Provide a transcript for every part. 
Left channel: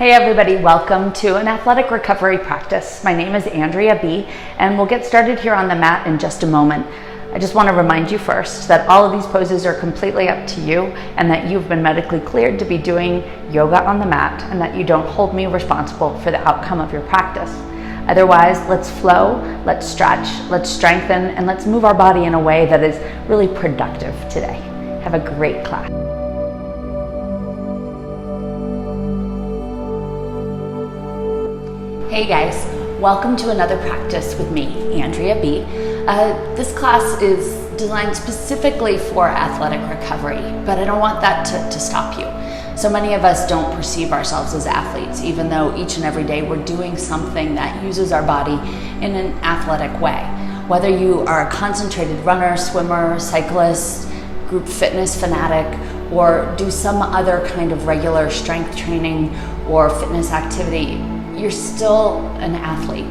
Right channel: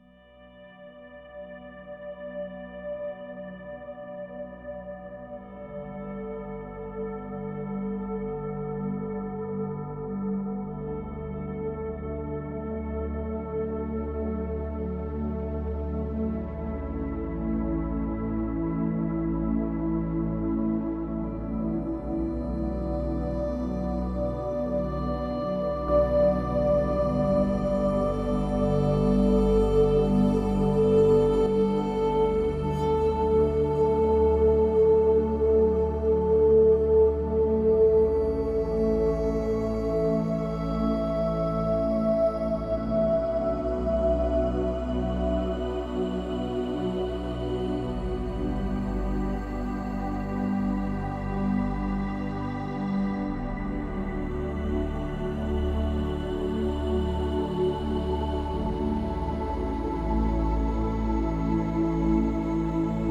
Hey everybody, welcome to an athletic recovery practice. My name is Andrea B, and we'll get started here on the mat in just a moment. I just want to remind you first that all of these poses are completely up to you and that you've been medically cleared to be doing yoga on the mat and that you don't hold me responsible for the outcome of your practice. Otherwise, let's flow, let's stretch, let's strengthen, and let's move our body in a way that is really productive today. Have a great class. Hey guys, welcome to another practice with me, Andrea B. This class is designed specifically for athletic recovery, but I don't want that to stop you. So many of us don't perceive ourselves as athletes, even though each and every day we're doing something that uses our body in an athletic way. Whether you are a concentrated runner, swimmer, cyclist, group fitness fanatic, or do some other kind of regular strength training or fitness activity, you're still an athlete.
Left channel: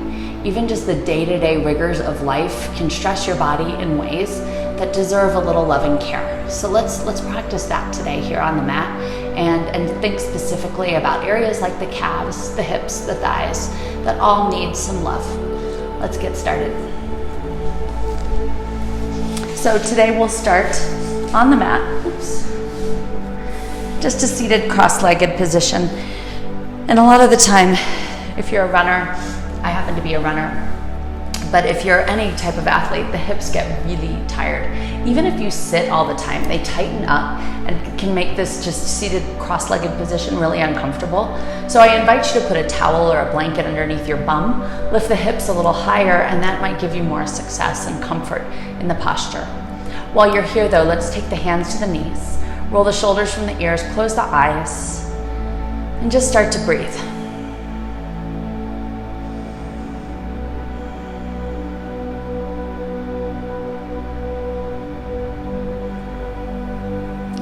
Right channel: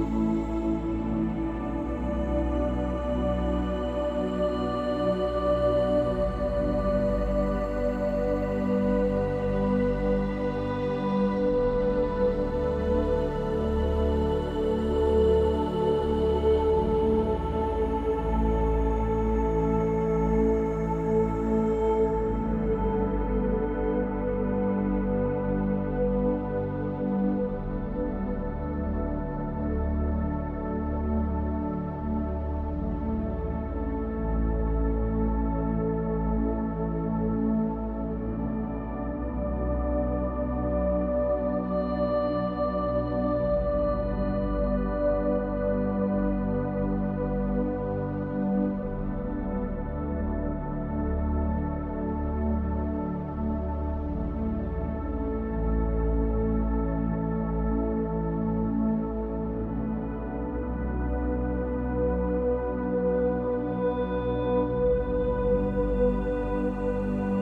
Even just the day-to-day rigors of life can stress your body in ways that deserve a little loving care. So let's practice that today here on the mat and think specifically about areas like the calves, the hips, the thighs, that all need some love. Let's get started. So today we'll start on the mat, just a seated cross-legged position. And a lot of the time, if you're a runner, I happen to be a runner, but if you're any type of athlete, the hips get really tired. Even if you sit all the time, they tighten up and can make this just seated cross-legged position really uncomfortable. So I invite you to put a towel or a blanket underneath your bum, lift the hips a little higher, and that might give you more success and comfort in the posture. While you're here though, let's take the hands to the knees, roll the shoulders from the ears, close the eyes, and just start to breathe.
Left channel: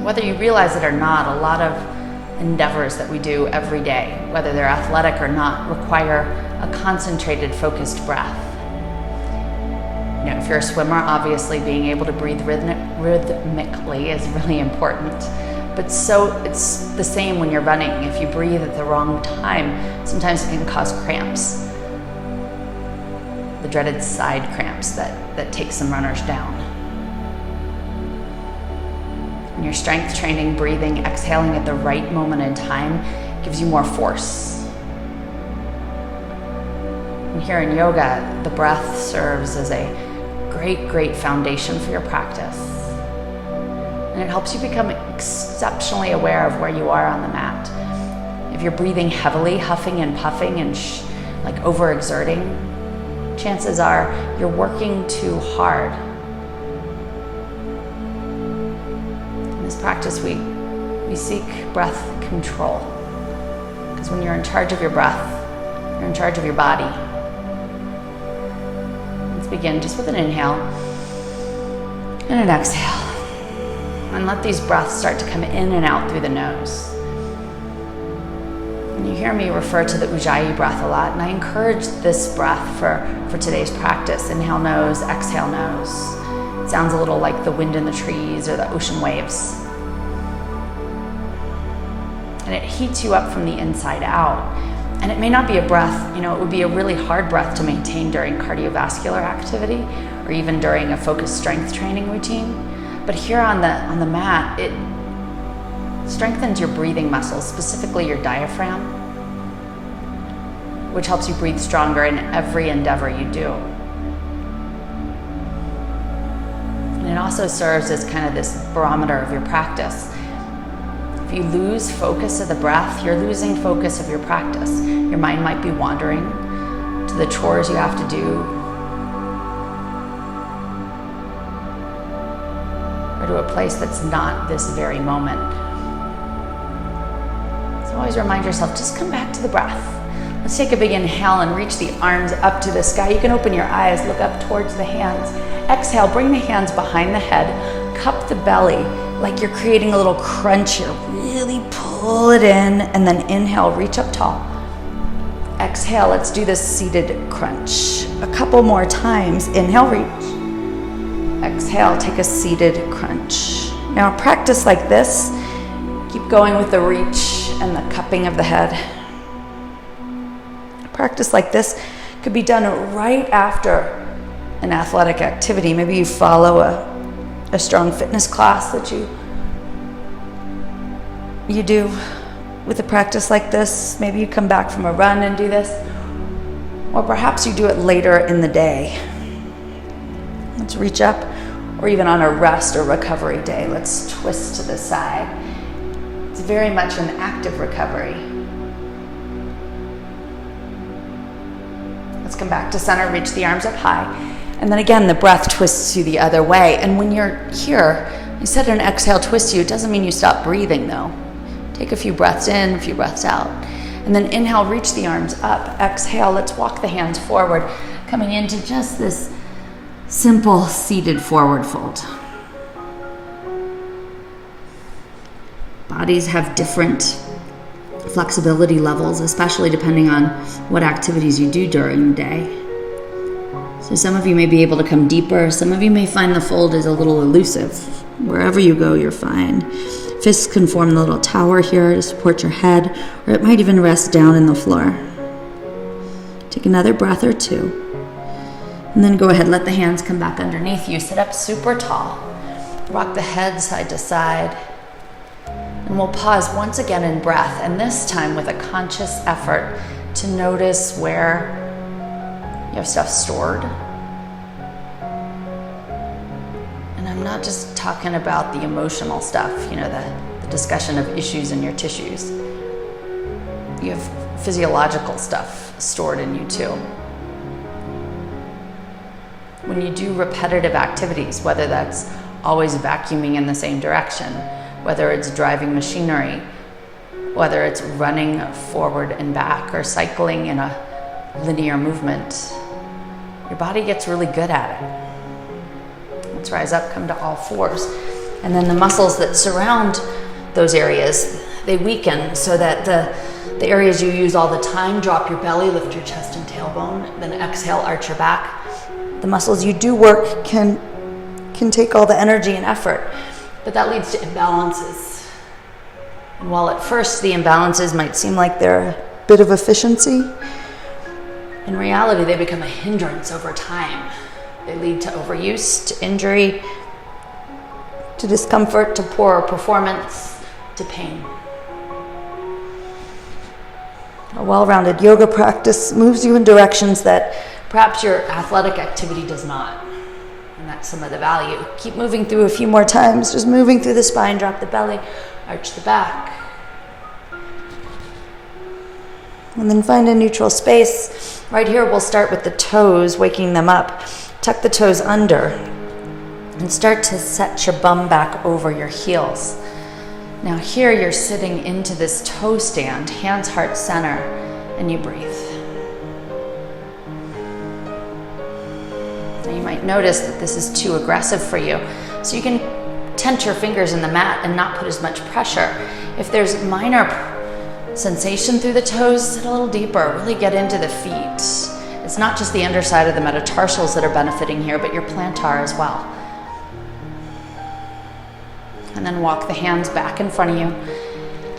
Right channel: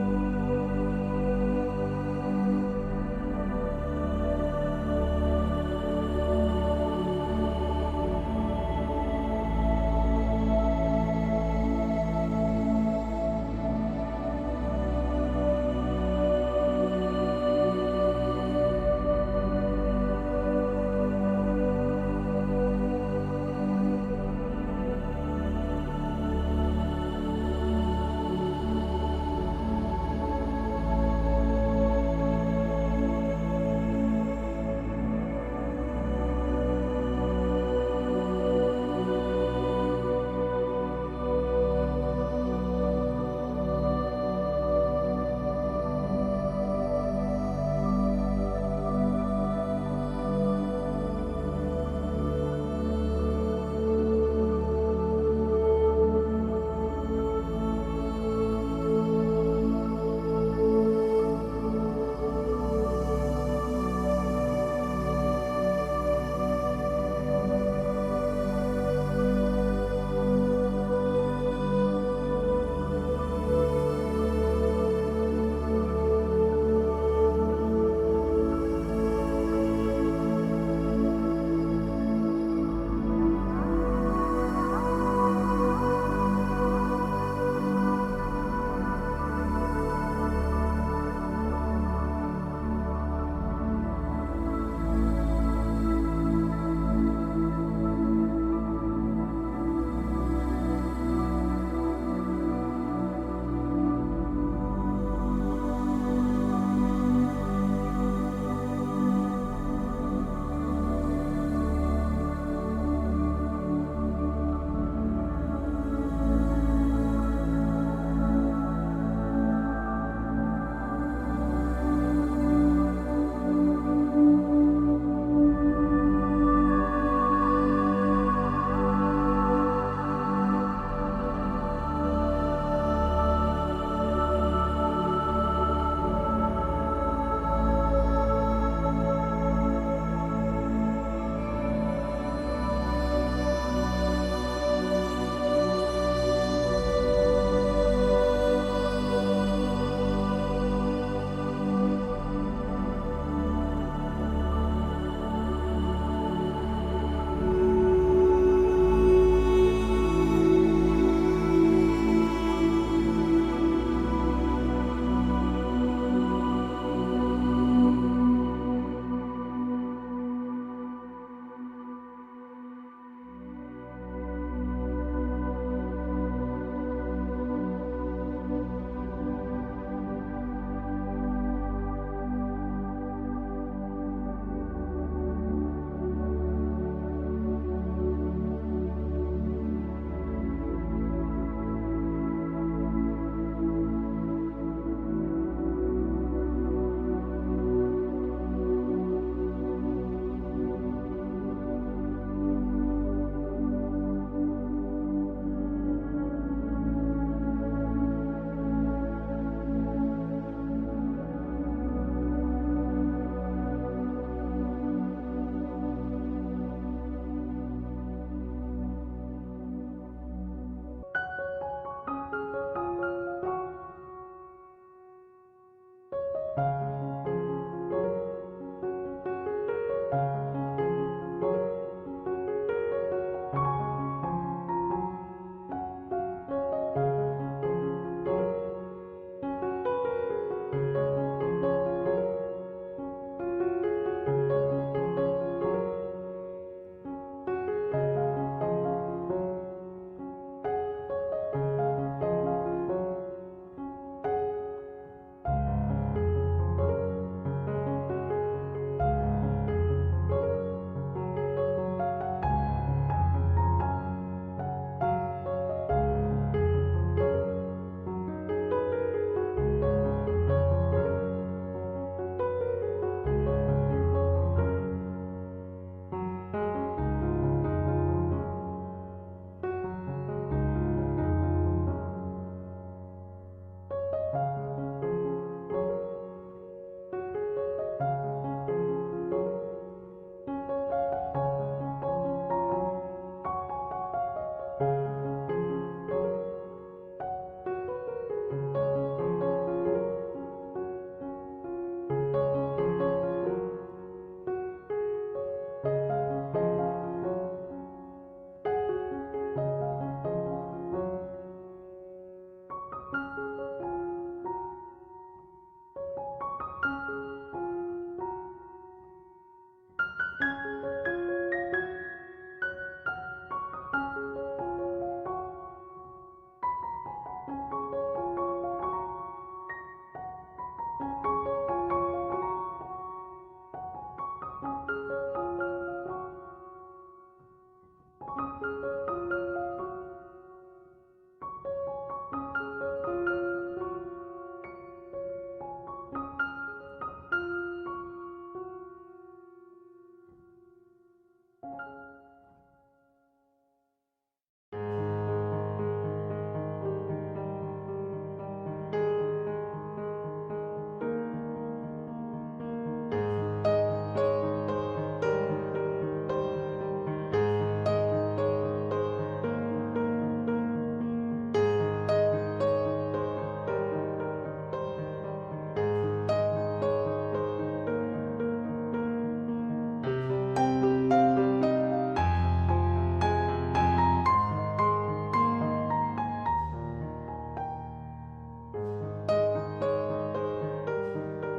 Whether you realize it or not, a lot of endeavors that we do every day, whether they're athletic or not, require a concentrated, focused breath. You know, if you're a swimmer, obviously being able to breathe rhythmically is really important. But so it's the same when you're running. If you breathe at the wrong time, sometimes it can cause cramps. The dreaded side cramps that take some runners down. In your strength training, breathing, exhaling at the right moment in time gives you more force. And here in yoga, the breath serves as a great foundation for your practice. And it helps you become exceptionally aware of where you are on the mat. If you're breathing heavily, huffing and puffing and like overexerting, chances are you're working too hard. Practice, we seek breath control, because when you're in charge of your breath, you're in charge of your body. Let's begin just with an inhale and an exhale, and let these breaths start to come in and out through the nose. And you hear me refer to the Ujjayi breath a lot, and I encourage this breath for today's practice. Inhale nose, exhale nose. It sounds a little like the wind in the trees or the ocean waves. And it heats you up from the inside out. And it may not be a breath, it would be a really hard breath to maintain during cardiovascular activity or even during a focused strength training routine. But here on the mat, it strengthens your breathing muscles, specifically your diaphragm, which helps you breathe stronger in every endeavor you do. And it also serves as kind of this barometer of your practice. If you lose focus of the breath, you're losing focus of your practice. Your mind might be wandering to the chores you have to do, or to a place that's not this very moment. So always remind yourself, just come back to the breath. Let's take a big inhale and reach the arms up to the sky. You can open your eyes, look up towards the hands. Exhale, bring the hands behind the head, cup the belly, like you're creating a little crunch here. Really pull it in, and then inhale, reach up tall. Exhale, let's do this seated crunch. A couple more times. Inhale, reach. Exhale, take a seated crunch. Now practice like this. Keep going with the reach and the cupping of the head. practice like this could be done right after an athletic activity. Maybe you follow a strong fitness class that you do with a practice like this. Maybe you come back from a run and do this, or perhaps you do it later in the day. Let's reach up, or even on a rest or recovery day, let's twist to the side. It's very much an active recovery. Let's come back to center, reach the arms up high. And then again, the breath twists you the other way. And when you're here, you said an exhale twists you. It doesn't mean you stop breathing though. Take a few breaths in, a few breaths out. And then inhale, reach the arms up. Exhale, let's walk the hands forward, coming into just this simple seated forward fold. Bodies have different flexibility levels, especially depending on what activities you do during the day. So some of you may be able to come deeper. Some of you may find the fold is a little elusive. Wherever you go, you're fine. Fists can form the little tower here to support your head, or it might even rest down in the floor. Take another breath or two. And then go ahead, let the hands come back underneath you. Sit up super tall. Rock the head side to side. And we'll pause once again in breath, and this time with a conscious effort to notice where you have stuff stored. And I'm not just talking about the emotional stuff, the discussion of issues in your tissues. You have physiological stuff stored in you too. When you do repetitive activities, whether that's always vacuuming in the same direction, whether it's driving machinery, whether it's running forward and back or cycling in a linear movement, your body gets really good at it. Let's rise up, come to all fours. And then the muscles that surround those areas, they weaken so that the areas you use all the time, drop your belly, lift your chest and tailbone, then exhale, arch your back. The muscles you do work can take all the energy and effort, but that leads to imbalances. And while at first the imbalances might seem like they're a bit of efficiency, in reality they become a hindrance over time. They lead to overuse, to injury, to discomfort, to poor performance, to pain. A well-rounded yoga practice moves you in directions that perhaps your athletic activity does not. And that's some of the value. Keep moving through a few more times, just moving through the spine, drop the belly, arch the back. And then find a neutral space. Right here, we'll start with the toes, waking them up. Tuck the toes under and start to set your bum back over your heels. Now here you're sitting into this toe stand, hands heart center, and you breathe. You might notice that this is too aggressive for you, so you can tent your fingers in the mat and not put as much pressure. If there's minor sensation through the toes, sit a little deeper, really get into the feet. It's not just the underside of the metatarsals that are benefiting here, but your plantar as well. And then walk the hands back in front of you.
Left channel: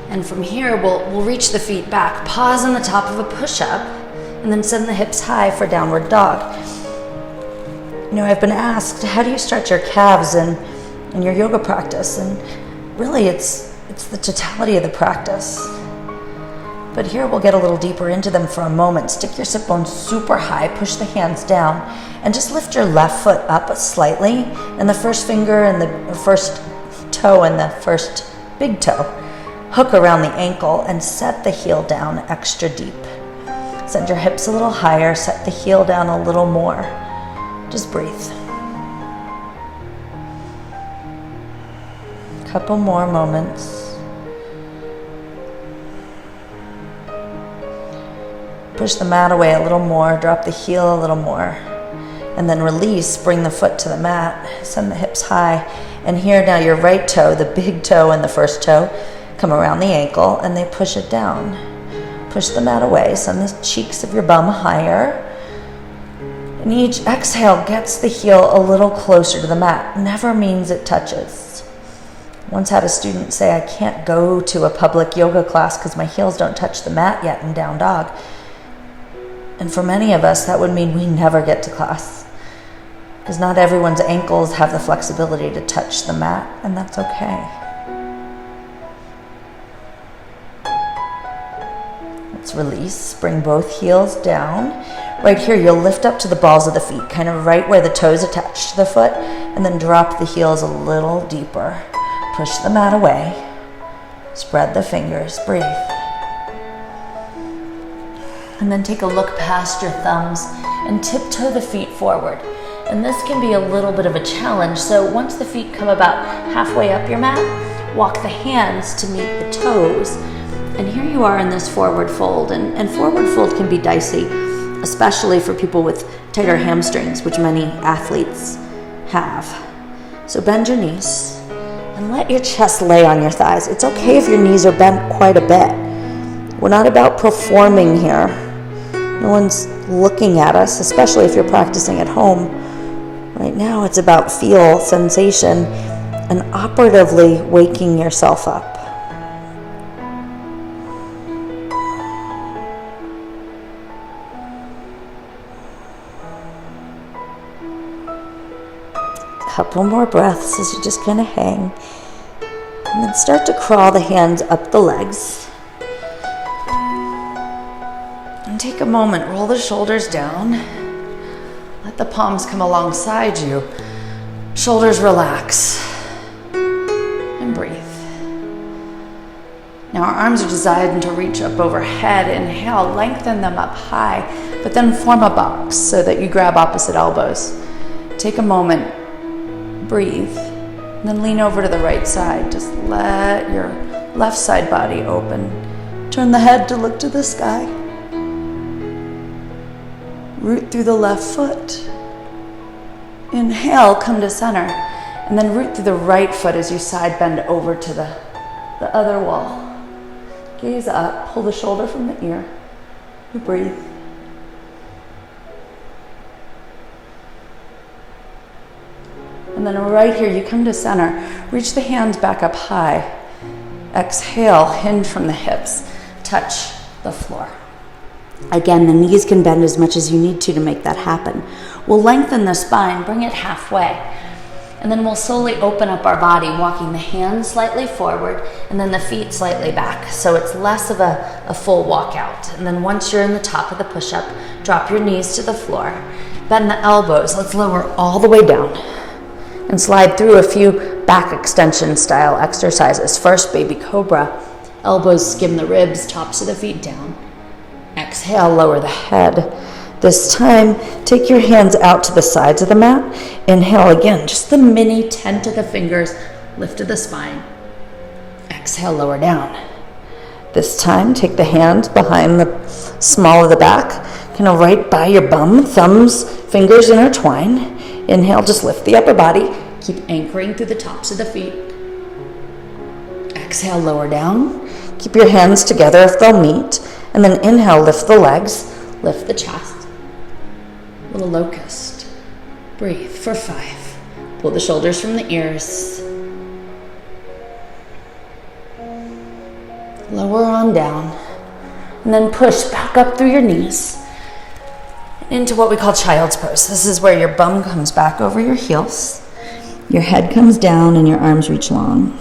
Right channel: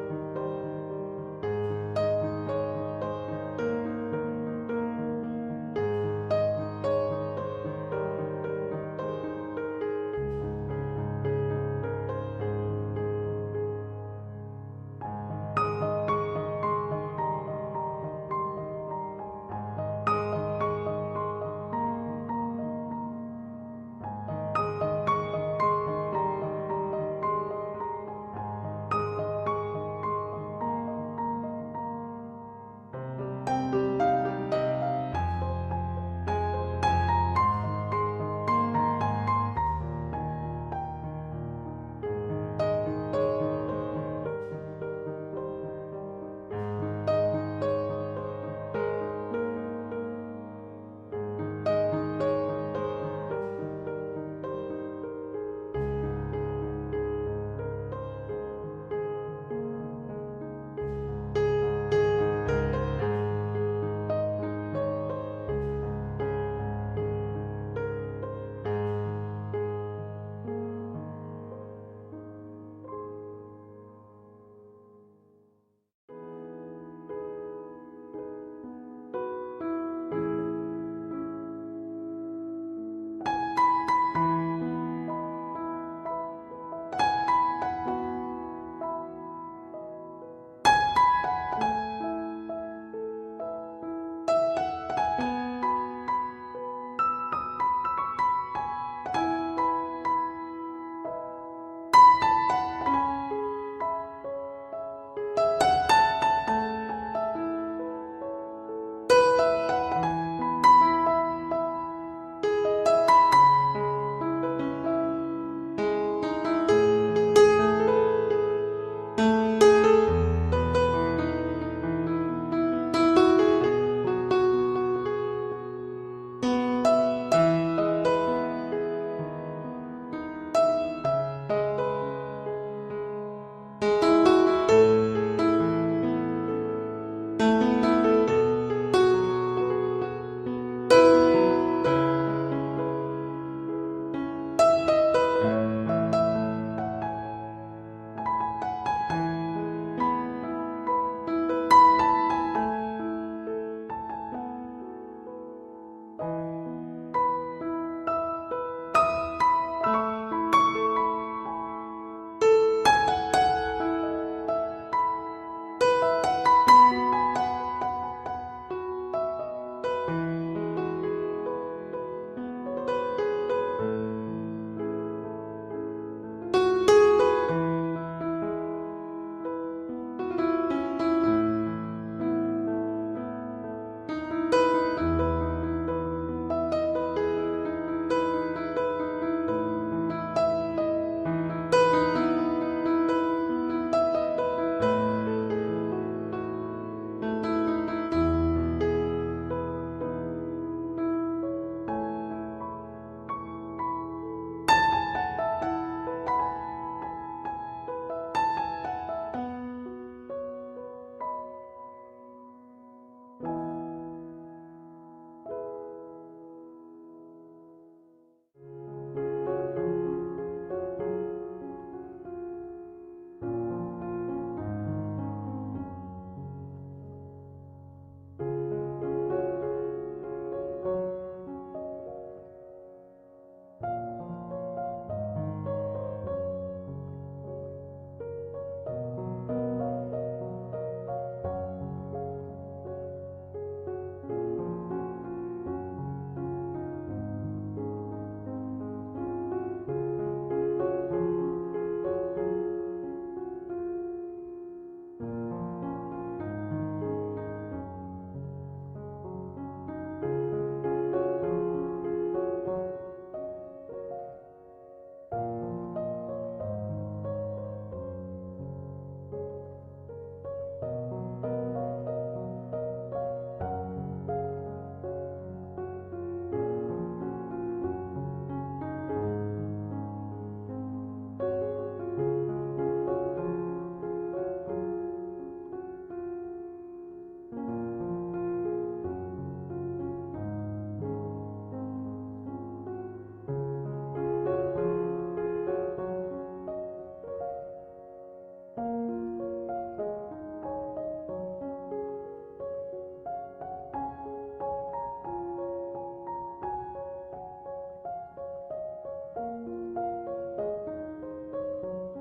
And from here, we'll reach the feet back, pause on the top of a push-up, and then send the hips high for downward dog. I've been asked, how do you stretch your calves in your yoga practice? And really, it's the totality of the practice. But here we'll get a little deeper into them for a moment. Stick your sit bones super high, push the hands down, and just lift your left foot up slightly, and the first finger and the first toe and the first big toe hook around the ankle and set the heel down extra deep. Send your hips a little higher, set the heel down a little more. Just breathe. Couple more moments. Push the mat away a little more, drop the heel a little more, and then release, bring the foot to the mat, send the hips high, and here now your right toe, the big toe and the first toe, come around the ankle and they push it down. Push the mat away, send the cheeks of your bum higher, and each exhale gets the heel a little closer to the mat. Never means it touches. Once had a student say, I can't go to a public yoga class because my heels don't touch the mat yet in down dog. And for many of us, that would mean we never get to class, because not everyone's ankles have the flexibility to touch the mat, and that's okay. Let's release, bring both heels down. Right here, you'll lift up to the balls of the feet, kind of right where the toes attach to the foot, and then drop the heels a little deeper. Push the mat away. Spread the fingers, breathe. And then take a look past your thumbs and tiptoe the feet forward. And this can be a little bit of a challenge, so once the feet come about halfway up your mat, walk the hands to meet the toes. And here you are in this forward fold, and forward fold can be dicey, especially for people with tighter hamstrings, which many athletes have. So bend your knees and let your chest lay on your thighs. It's okay if your knees are bent quite a bit. We're not about performing here. No one's looking at us, especially if you're practicing at home. Right now, it's about feel, sensation, and operatively waking yourself up. Couple more breaths as you just kind of hang. And then start to crawl the hands up the legs. And take a moment, roll the shoulders down. Let the palms come alongside you. Shoulders relax. And breathe. Now our arms are designed to reach up overhead. Inhale, lengthen them up high, but then form a box so that you grab opposite elbows. Take a moment. Breathe, and then lean over to the right side. Just let your left side body open. Turn the head to look to the sky. Root through the left foot. Inhale, come to center, and then root through the right foot as you side bend over to the other wall. Gaze up, pull the shoulder from the ear. You breathe. And then right here, you come to center. Reach the hands back up high. Exhale, hinge from the hips. Touch the floor. Again, the knees can bend as much as you need to make that happen. We'll lengthen the spine, bring it halfway. And then we'll slowly open up our body, walking the hands slightly forward and then the feet slightly back. So it's less of a full walkout. And then once you're in the top of the push-up, drop your knees to the floor. Bend the elbows. Let's lower all the way down. And slide through a few back extension style exercises. First, baby cobra. Elbows skim the ribs, tops of the feet down. Exhale, lower the head. This time, take your hands out to the sides of the mat. Inhale again, just the mini 10 to the fingers, lift to the spine. Exhale, lower down. This time, take the hands behind the small of the back, kind of right by your bum, thumbs, fingers intertwine. Inhale, just lift the upper body. Keep anchoring through the tops of the feet. Exhale, lower down. Keep your hands together if they'll meet. And then inhale, lift the legs, lift the chest. Little locust. Breathe for 5. Pull the shoulders from the ears. Lower on down. And then push back up through your knees into what we call child's pose. This is where your bum comes back over your heels. Your head comes down and your arms reach long.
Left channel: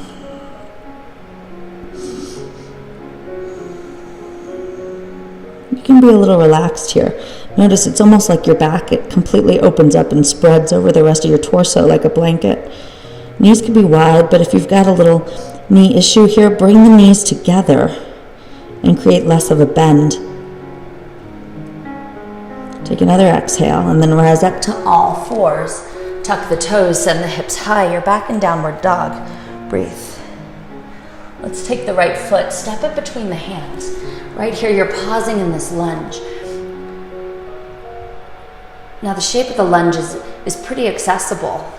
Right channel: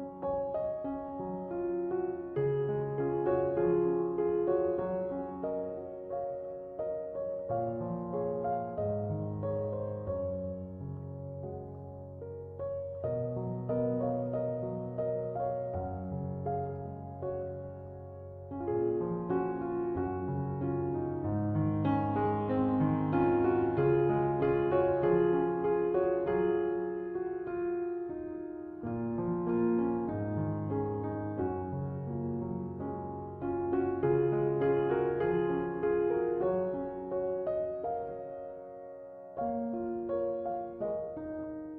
You can be a little relaxed here. Notice it's almost like your back, it completely opens up and spreads over the rest of your torso like a blanket. Knees can be wide, but if you've got a little knee issue here, bring the knees together and create less of a bend. Take another exhale and then rise up to all fours. Tuck the toes, send the hips high. You're back in downward dog. Breathe. Let's take the right foot, step it between the hands. Right here, you're pausing in this lunge. Now the shape of the lunge is pretty accessible,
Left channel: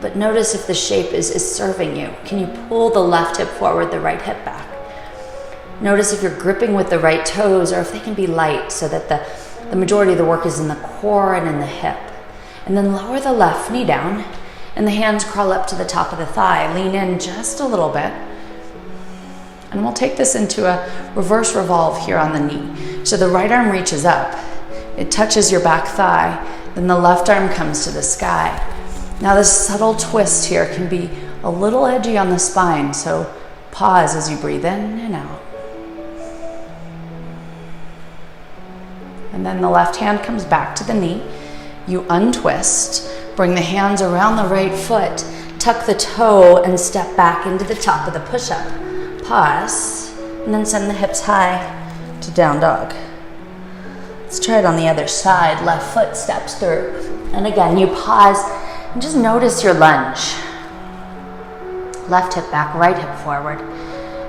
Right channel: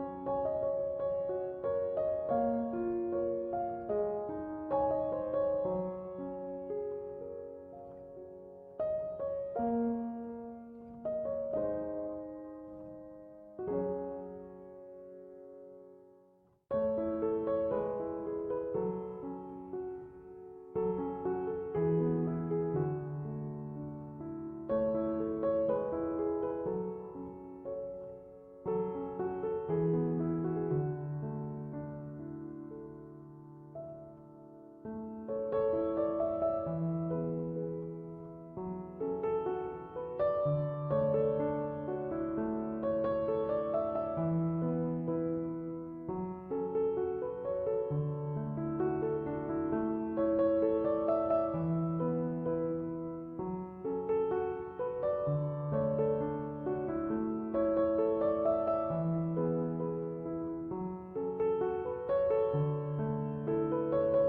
but notice if the shape is serving you. Can you pull the left hip forward, the right hip back? Notice if you're gripping with the right toes or if they can be light so that the majority of the work is in the core and in the hip. And then lower the left knee down and the hands crawl up to the top of the thigh. Lean in just a little bit. And we'll take this into a reverse revolve here on the knee. So the right arm reaches up, it touches your back thigh, then the left arm comes to the sky. Now this subtle twist here can be a little edgy on the spine, so pause as you breathe in and out. And then the left hand comes back to the knee. You untwist, bring the hands around the right foot, tuck the toe and step back into the top of the push-up. Pause, and then send the hips high to down dog. Let's try it on the other side. Left foot steps through. And again, you pause and just notice your lunge. Left hip back, right hip forward.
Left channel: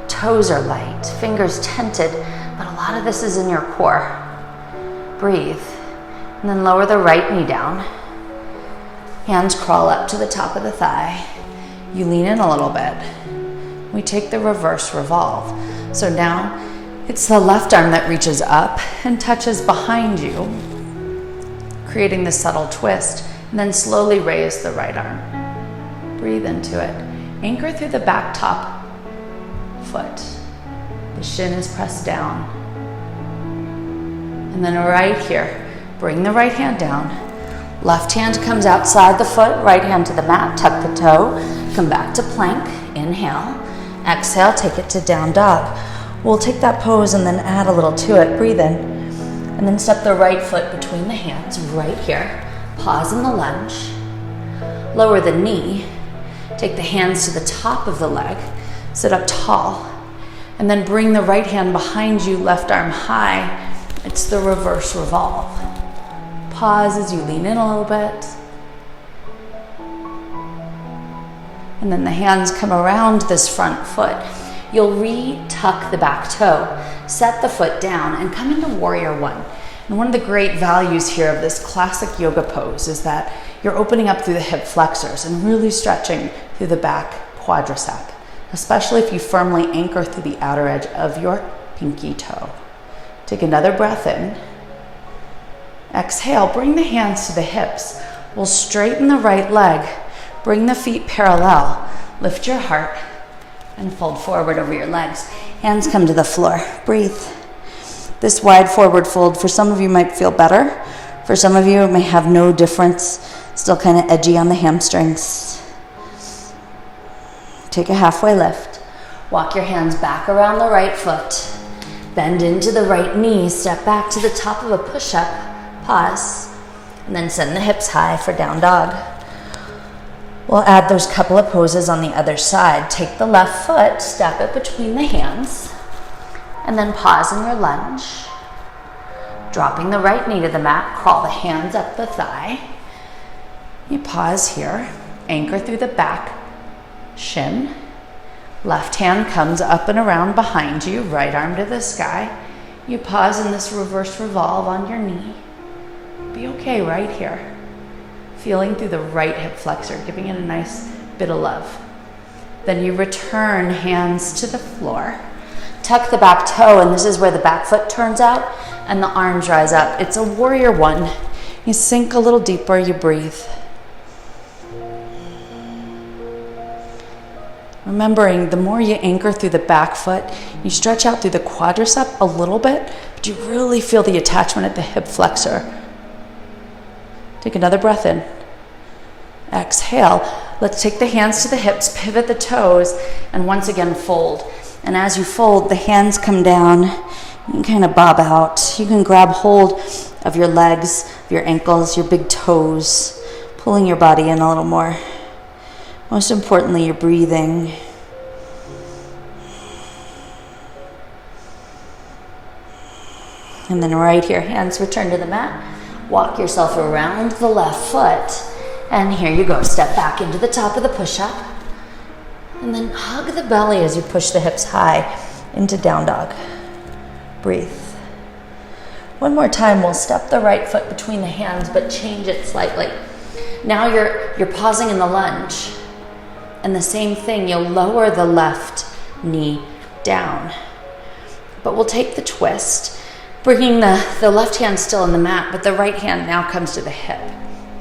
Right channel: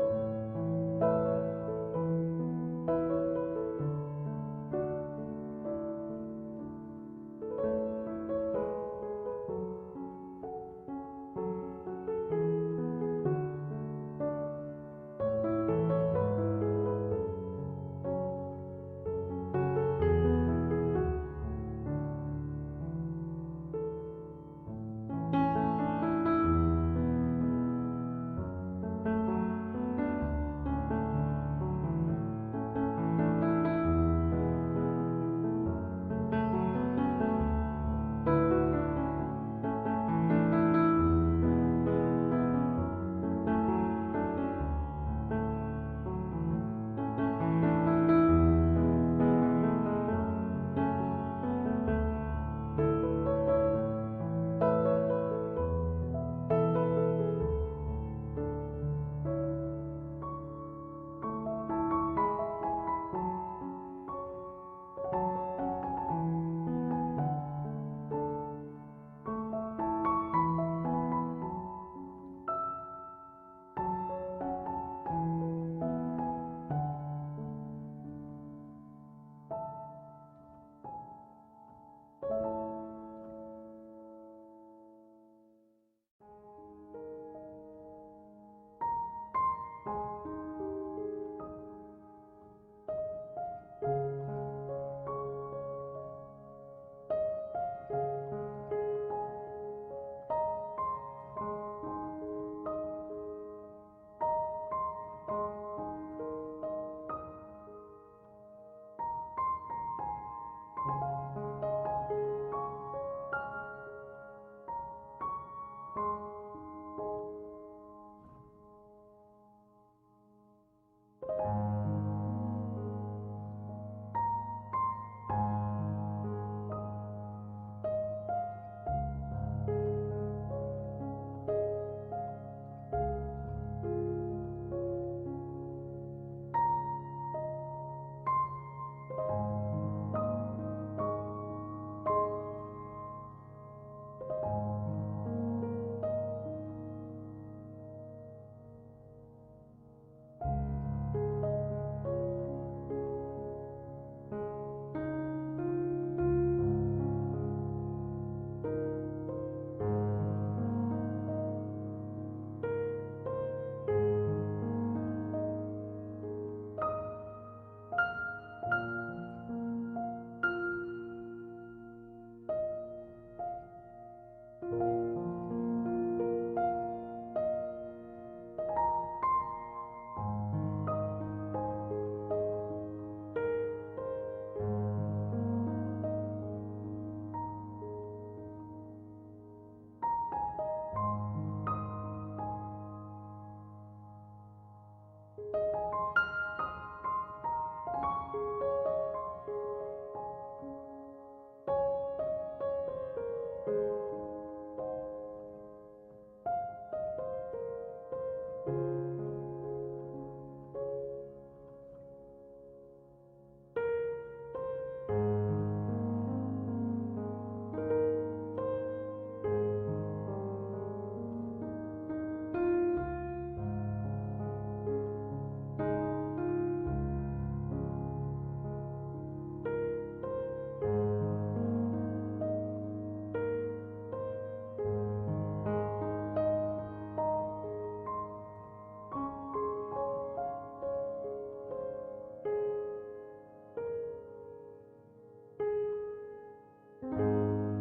Toes are light, fingers tented, but a lot of this is in your core. Breathe, and then lower the right knee down. Hands crawl up to the top of the thigh. You lean in a little bit. We take the reverse revolve. So now it's the left arm that reaches up and touches behind you, creating the subtle twist, and then slowly raise the right arm. Breathe into it. Anchor through the back top foot. The shin is pressed down. And then right here, bring the right hand down. Left hand comes outside the foot, right hand to the mat, tuck the toe, come back to plank, inhale. Exhale, take it to down dog. We'll take that pose and then add a little to it. Breathe in. And then step the right foot between the hands right here. Pause in the lunge. Lower the knee. Take the hands to the top of the leg. Sit up tall. And then bring the right hand behind you, left arm high. It's the reverse revolve. Pause as you lean in a little bit. And then the hands come around this front foot. You'll re-tuck the back toe, set the foot down, and come into warrior one. And one of the great values here of this classic yoga pose is that you're opening up through the hip flexors and really stretching through the back quadricep, especially if you firmly anchor through the outer edge of your pinky toe. Take another breath in. Exhale, bring the hands to the hips. We'll straighten the right leg. Bring the feet parallel. Lift your heart and fold forward over your legs. Hands come to the floor. Breathe. This wide forward fold, for some of you might feel better. For some of you, it may have no difference. Still kind of edgy on the hamstrings. Take a halfway lift. Walk your hands back around the right foot. Bend into the right knee. Step back to the top of a push-up. Pause. And then send the hips high for down dog. We'll add those couple of poses on the other side. Take the left foot, step it between the hands, and then pause in your lunge. Dropping the right knee to the mat, crawl the hands up the thigh. You pause here, anchor through the back shin. Left hand comes up and around behind you, right arm to the sky. You pause in this reverse revolve on your knee. Be okay right here. Feeling through the right hip flexor, giving it a nice bit of love. Then you return hands to the floor. Tuck the back toe, and this is where the back foot turns out and the arms rise up. It's a warrior one. You sink a little deeper, you breathe. Remembering, the more you anchor through the back foot, you stretch out through the quadricep a little bit, but you really feel the attachment at the hip flexor. Take another breath in. Exhale. Let's take the hands to the hips, pivot the toes, and once again fold. And as you fold, the hands come down. You can kind of bob out. You can grab hold of your legs, your ankles, your big toes, pulling your body in a little more. Most importantly, you're breathing. And then right here, hands return to the mat. Walk yourself around the left foot. And here you go. Step back into the top of the push-up. And then hug the belly as you push the hips high into down dog. Breathe. One more time, we'll step the right foot between the hands, but change it slightly. Now you're pausing in the lunge. And the same thing, you'll lower the left knee down. But we'll take the twist, bringing the left hand still in the mat, but the right hand now comes to the hip.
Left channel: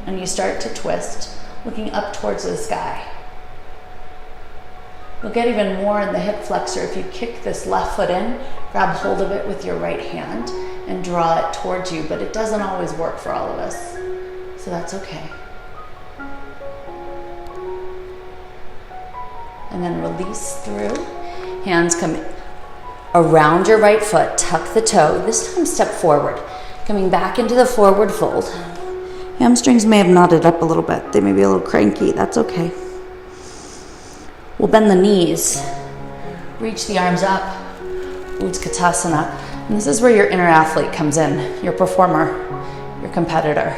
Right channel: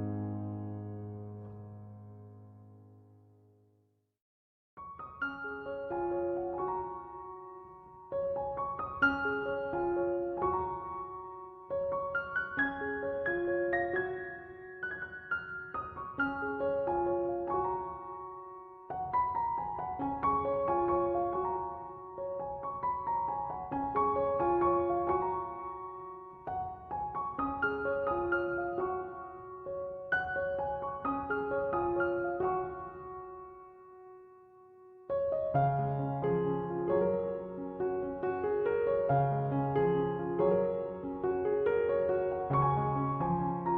And you start to twist, looking up towards the sky. You'll get even more in the hip flexor if you kick this left foot in, grab hold of it with your right hand, and draw it towards you, but it doesn't always work for all of us, so that's okay. And then release through. Hands come around your right foot, tuck the toe. This time step forward, coming back into the forward fold. Hamstrings may have knotted up a little bit. They may be a little cranky. That's okay. We'll bend the knees. Reach the arms up. Utkatasana. And this is where your inner athlete comes in, your performer, your competitor.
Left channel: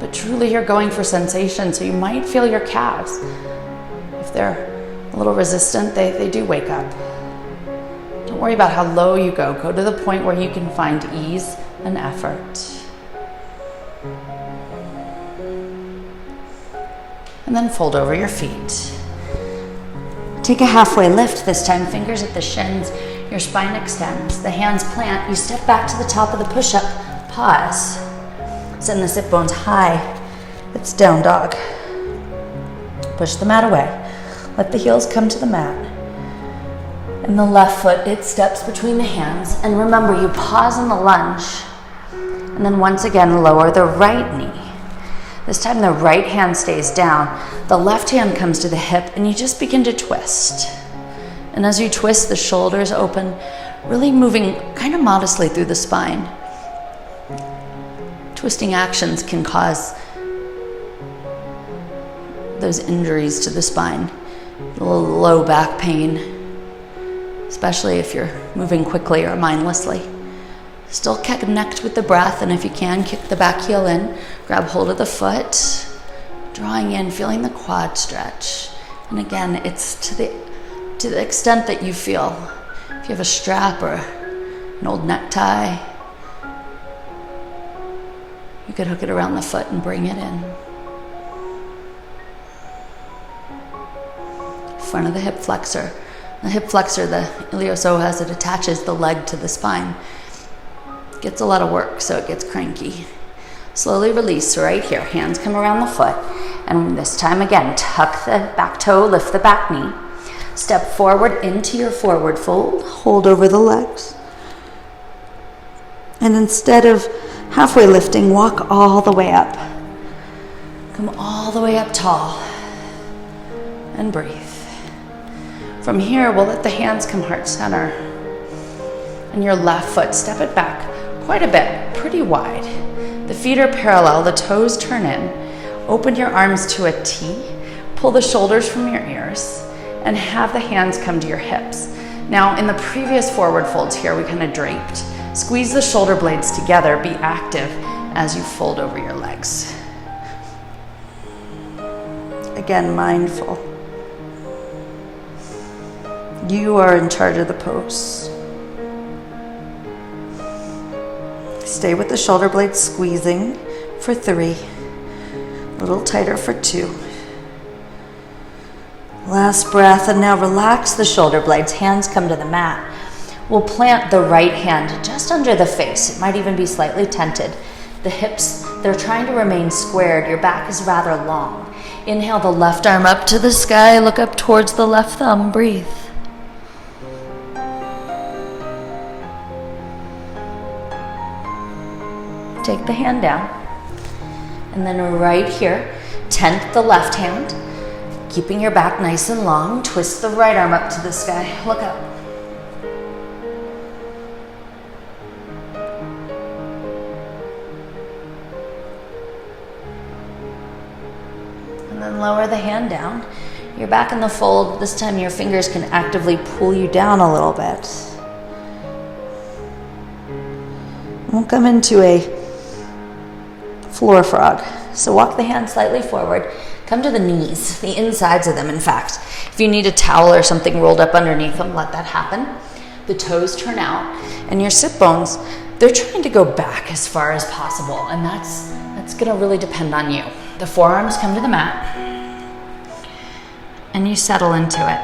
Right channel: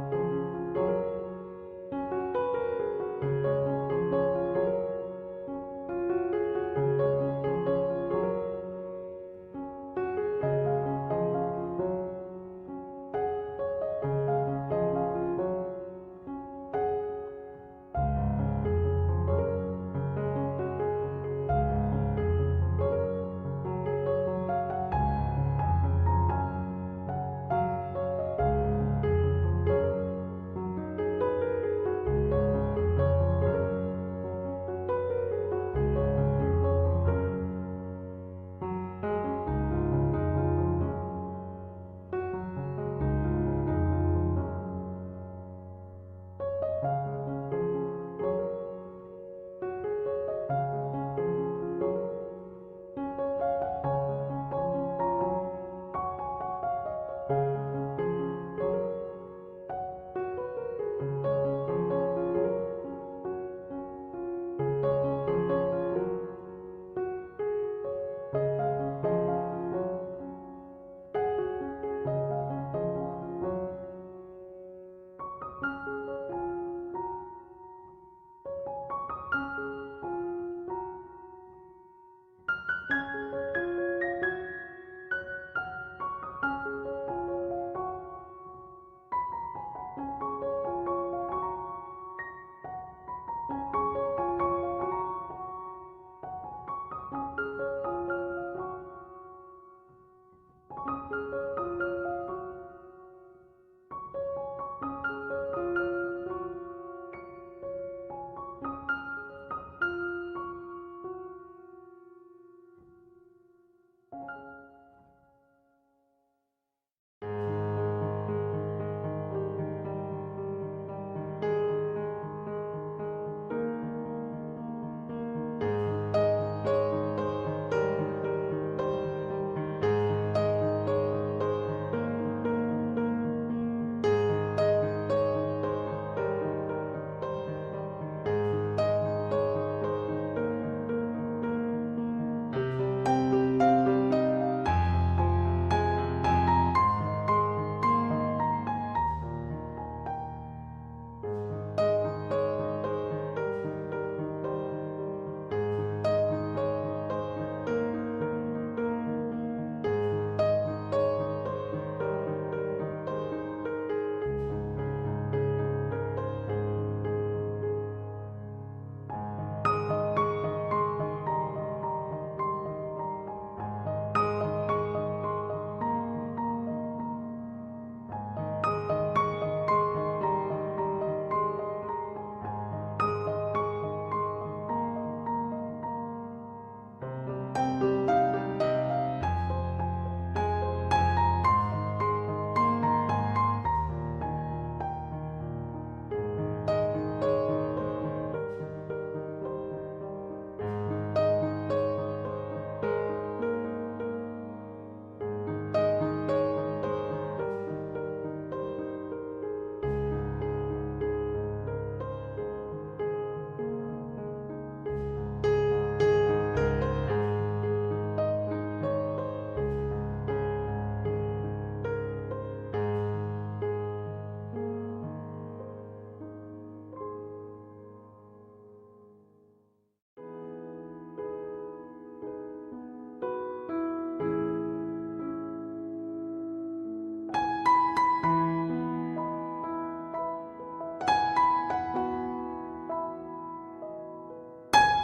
But truly you're going for sensation, so you might feel your calves. If they're a little resistant, they do wake up. Don't worry about how low you go. Go to the point where you can find ease and effort. And then fold over your feet. Take a halfway lift this time, fingers at the shins, your spine extends, the hands plant, you step back to the top of the push-up, pause. Send the sit bones high, it's down dog. Push the mat away, let the heels come to the mat. And the left foot, it steps between the hands, and remember you pause in the lunge, and then once again lower the right knee. This time the right hand stays down, the left hand comes to the hip, and you just begin to twist. And as you twist, the shoulders open, really moving kind of modestly through the spine. Twisting actions can cause those injuries to the spine, a little low back pain, especially if you're moving quickly or mindlessly. Still connect with the breath, and if you can, kick the back heel in, grab hold of the foot, drawing in, feeling the quad stretch. And again, it's to the extent that you feel. If you have a strap or an old necktie, you could hook it around the foot and bring it in. Front of the hip flexor. The hip flexor, the iliopsoas, it attaches the leg to the spine. Gets a lot of work, so it gets cranky. Slowly release right here. Hands come around the foot. And this time again, tuck the back toe, lift the back knee. Step forward into your forward fold. Hold over the legs. And instead of halfway lifting, walk all the way up. Come all the way up tall. And breathe. From here, we'll let the hands come heart center. And your left foot, step it back quite a bit, pretty wide. The feet are parallel, the toes turn in. Open your arms to a T. Pull the shoulders from your ears and have the hands come to your hips. Now, in the previous forward folds here, we kind of draped. Squeeze the shoulder blades together, be active as you fold over your legs. Again, mindful. You are in charge of the pose. Stay with the shoulder blades squeezing for 3. A little tighter for 2. Last breath, and now relax the shoulder blades. Hands come to the mat. We'll plant the right hand just under the face. It might even be slightly tented. The hips, they're trying to remain squared. Your back is rather long. Inhale the left arm up to the sky. Look up towards the left thumb. Breathe. Take the hand down, and then right here, tent the left hand, keeping your back nice and long. Twist the right arm up to the sky. Look up. And then lower the hand down. You're back in the fold. This time your fingers can actively pull you down a little bit. We'll come into a floor frog. So walk the hands slightly forward. Come to the knees, the insides of them, in fact. If you need a towel or something rolled up underneath them, let that happen. The toes turn out, and your sit bones, they're trying to go back as far as possible, and that's gonna really depend on you. The forearms come to the mat, and you settle into it.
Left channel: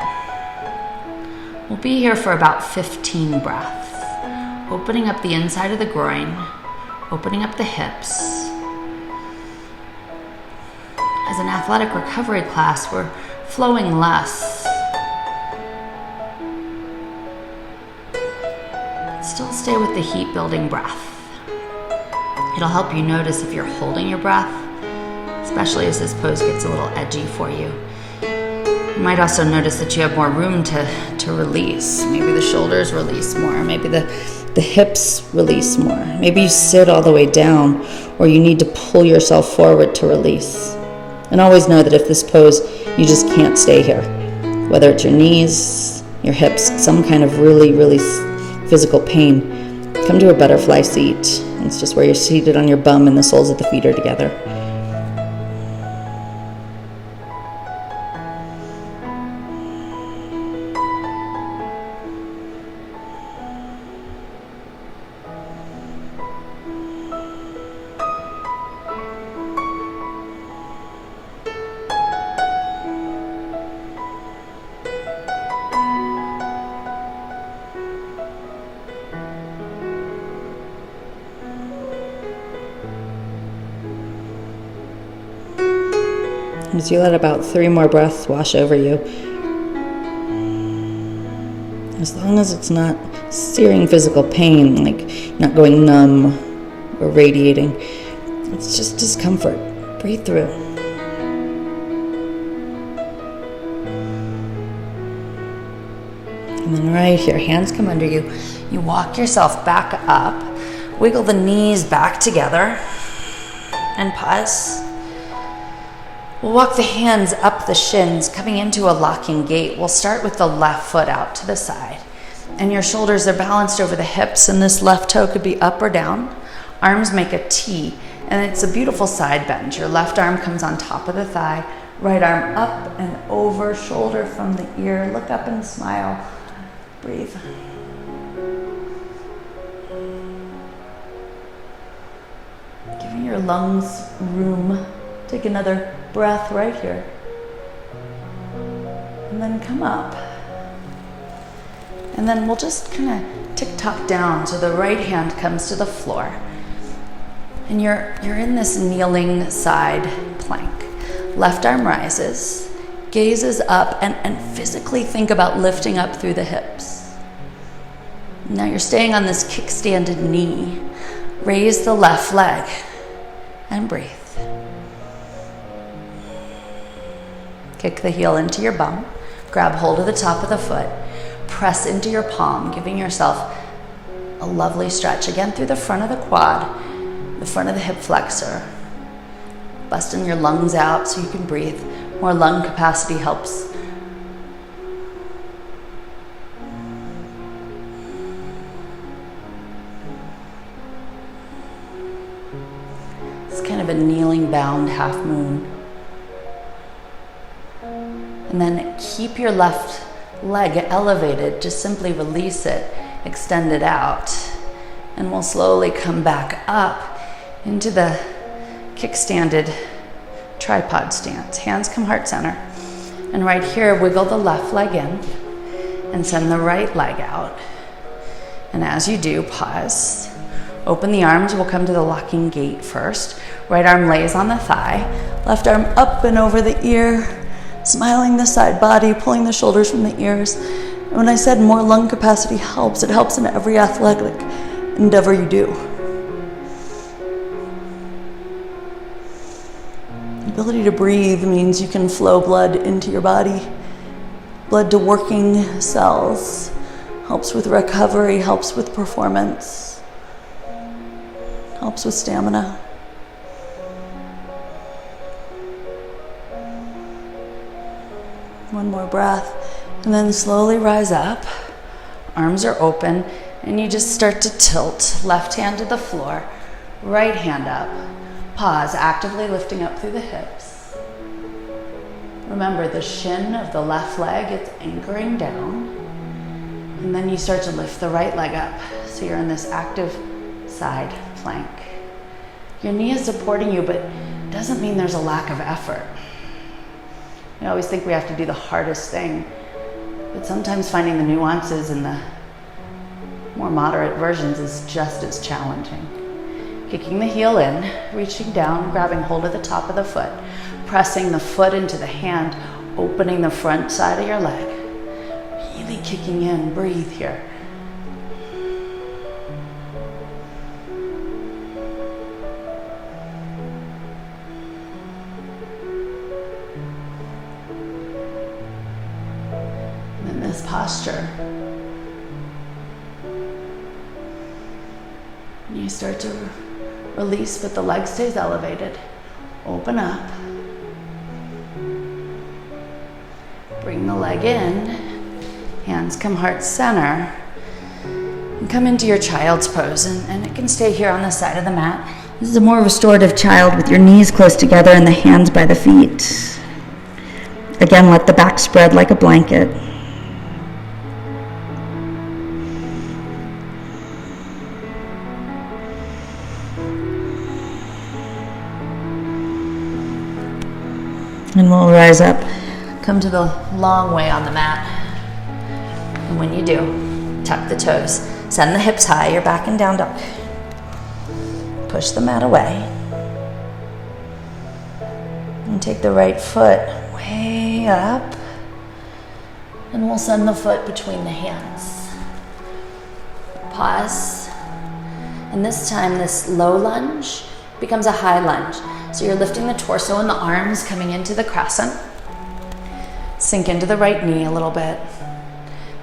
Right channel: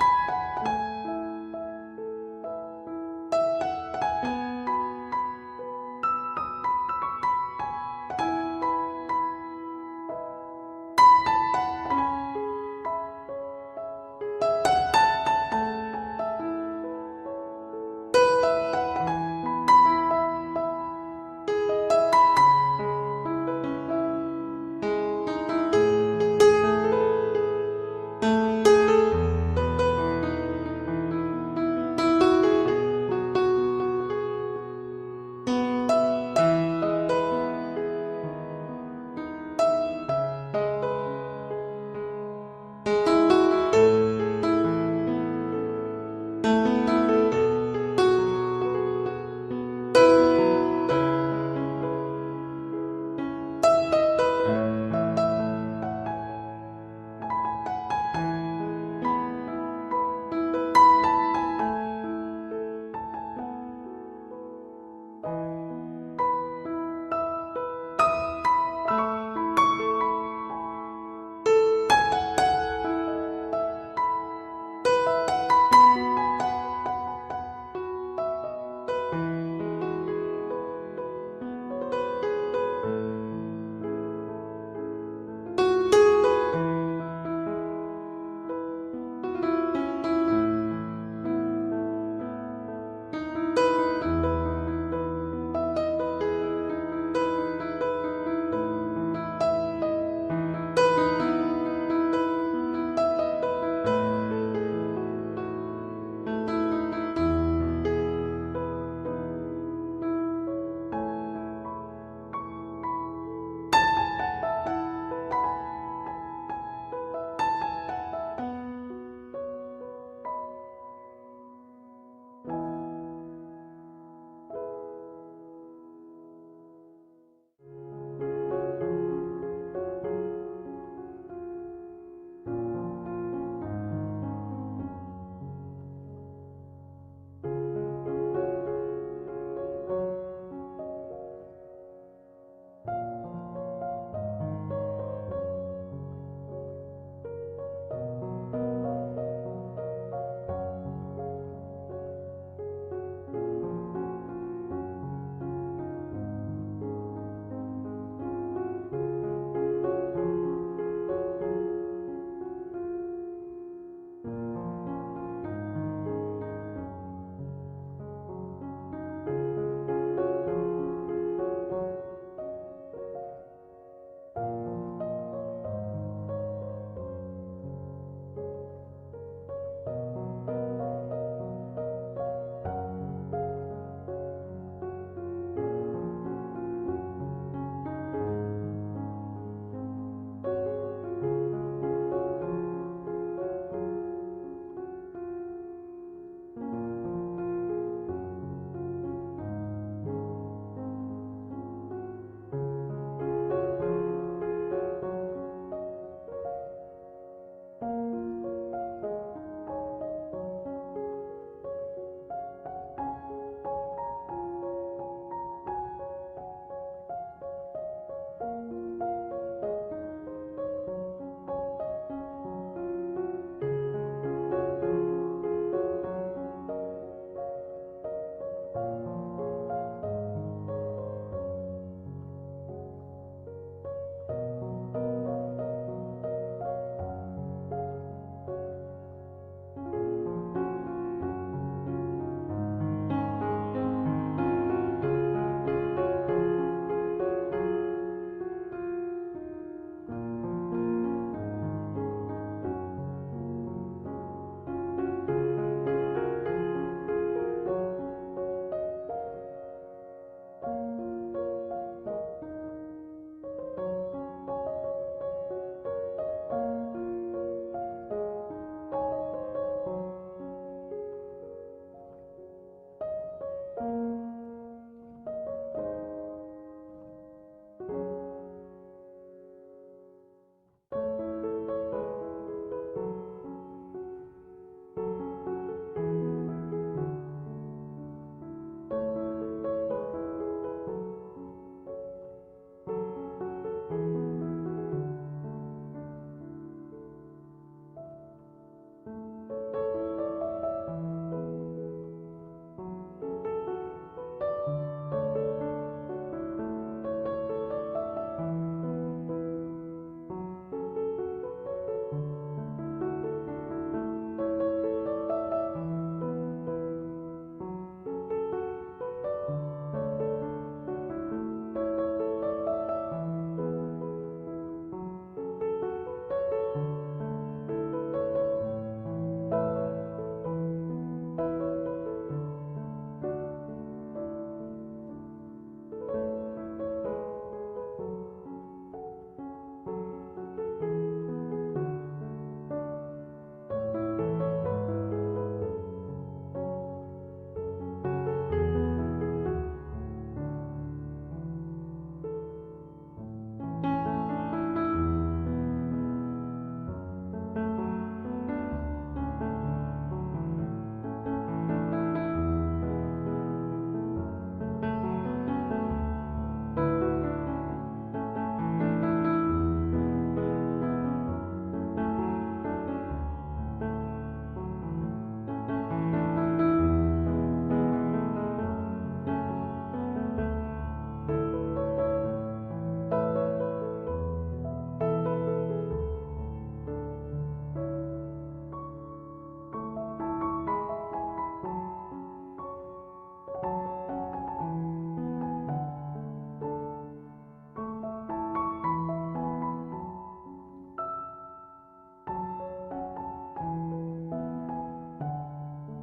We'll be here for about 15 breaths. Opening up the inside of the groin, opening up the hips. As an athletic recovery class, we're flowing less. still stay with the heat building breath. It'll help you notice if you're holding your breath, especially as this pose gets a little edgy for you. You might also notice that you have more room to release. Maybe the shoulders release more, maybe the hips release more. Maybe you sit all the way down, or you need to pull yourself forward to release. And always know that if this pose, you just can't stay here. Whether it's your knees, your hips, some kind of really, really physical pain, come to a butterfly seat. It's just where you're seated on your bum and the soles of the feet are together. As you let about 3 more breaths wash over you, as long as it's not searing physical pain, like not going numb or radiating, it's just discomfort. Breathe through. And then right here, hands come under you. You walk yourself back up, wiggle the knees back together, and pause. We'll walk the hands up the shins, coming into a locking gait. We'll start with the left foot out to the side. And your shoulders are balanced over the hips, and this left toe could be up or down. Arms make a T, and it's a beautiful side bend. Your left arm comes on top of the thigh, right arm up and over, shoulder from the ear. Look up and smile. Breathe. Giving your lungs room. Take another breath right here. And then come up. And then we'll just kind of tick-tock down so the right hand comes to the floor. And you're in this kneeling side plank. Left arm rises, gazes up, and physically think about lifting up through the hips. Now you're staying on this kickstanded knee. Raise the left leg and breathe. Kick the heel into your bum. Grab hold of the top of the foot. Press into your palm, giving yourself a lovely stretch. Again, through the front of the quad, the front of the hip flexor. Busting your lungs out so you can breathe. More lung capacity helps. It's kind of a kneeling bound half moon. And then keep your left leg elevated. Just simply release it, extend it out. And we'll slowly come back up into the kickstanded tripod stance. Hands come heart center. And right here, wiggle the left leg in and send the right leg out. And as you do, pause. Open the arms. We'll come to the locking gait first. Right arm lays on the thigh. Left arm up and over the ear. Smiling the side body, pulling the shoulders from the ears. And when I said more lung capacity helps, it helps in every athletic endeavor you do. The ability to breathe means you can flow blood into your body, blood to working cells, helps with recovery, helps with performance, helps with stamina. One more breath, and then slowly rise up. Arms are open, and you just start to tilt. Left hand to the floor, right hand up. Pause, actively lifting up through the hips. Remember, the shin of the left leg, it's anchoring down. And then you start to lift the right leg up. So you're in this active side plank. Your knee is supporting you, but it doesn't mean there's a lack of effort. We always think we have to do the hardest thing, but sometimes finding the nuances in the more moderate versions is just as challenging. Kicking the heel in, reaching down, grabbing hold of the top of the foot, pressing the foot into the hand, opening the front side of your leg, really kicking in. Breathe here. start to release, but the leg stays elevated. Open up. Bring the leg in. Hands come heart center. And come into your child's pose, and it can stay here on the side of the mat. This is a more restorative child with your knees close together and the hands by the feet. Again, let the back spread like a blanket. And we'll rise up. Come to the long way on the mat. And when you do, tuck the toes. Send the hips high, you're back in down dog. Push the mat away. And take the right foot way up. And we'll send the foot between the hands. Pause. And this time, this low lunge becomes a high lunge. So you're lifting the torso and the arms coming into the crescent. Sink into the right knee a little bit.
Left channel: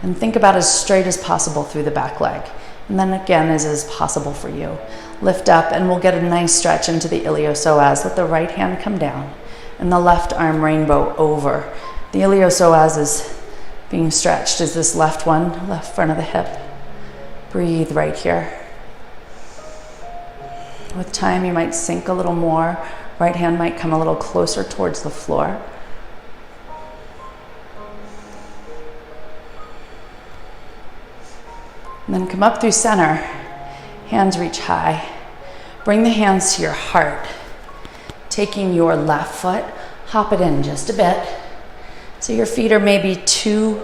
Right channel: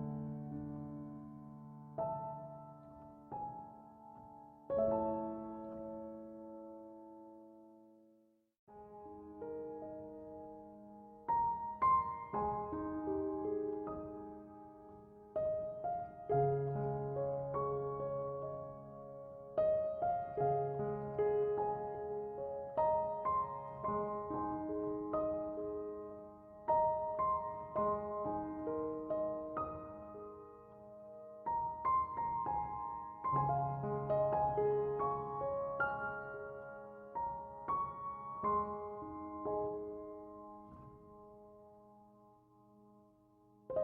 And think about as straight as possible through the back leg. And then again, as is possible for you. Lift up and we'll get a nice stretch into the iliopsoas. Let the right hand come down and the left arm rainbow over. The iliopsoas is being stretched as this left one, left front of the hip. Breathe right here. With time, you might sink a little more. Right hand might come a little closer towards the floor. And then come up through center. Hands reach high. Bring the hands to your heart. Taking your left foot, hop it in just a bit. So your feet are maybe 2-3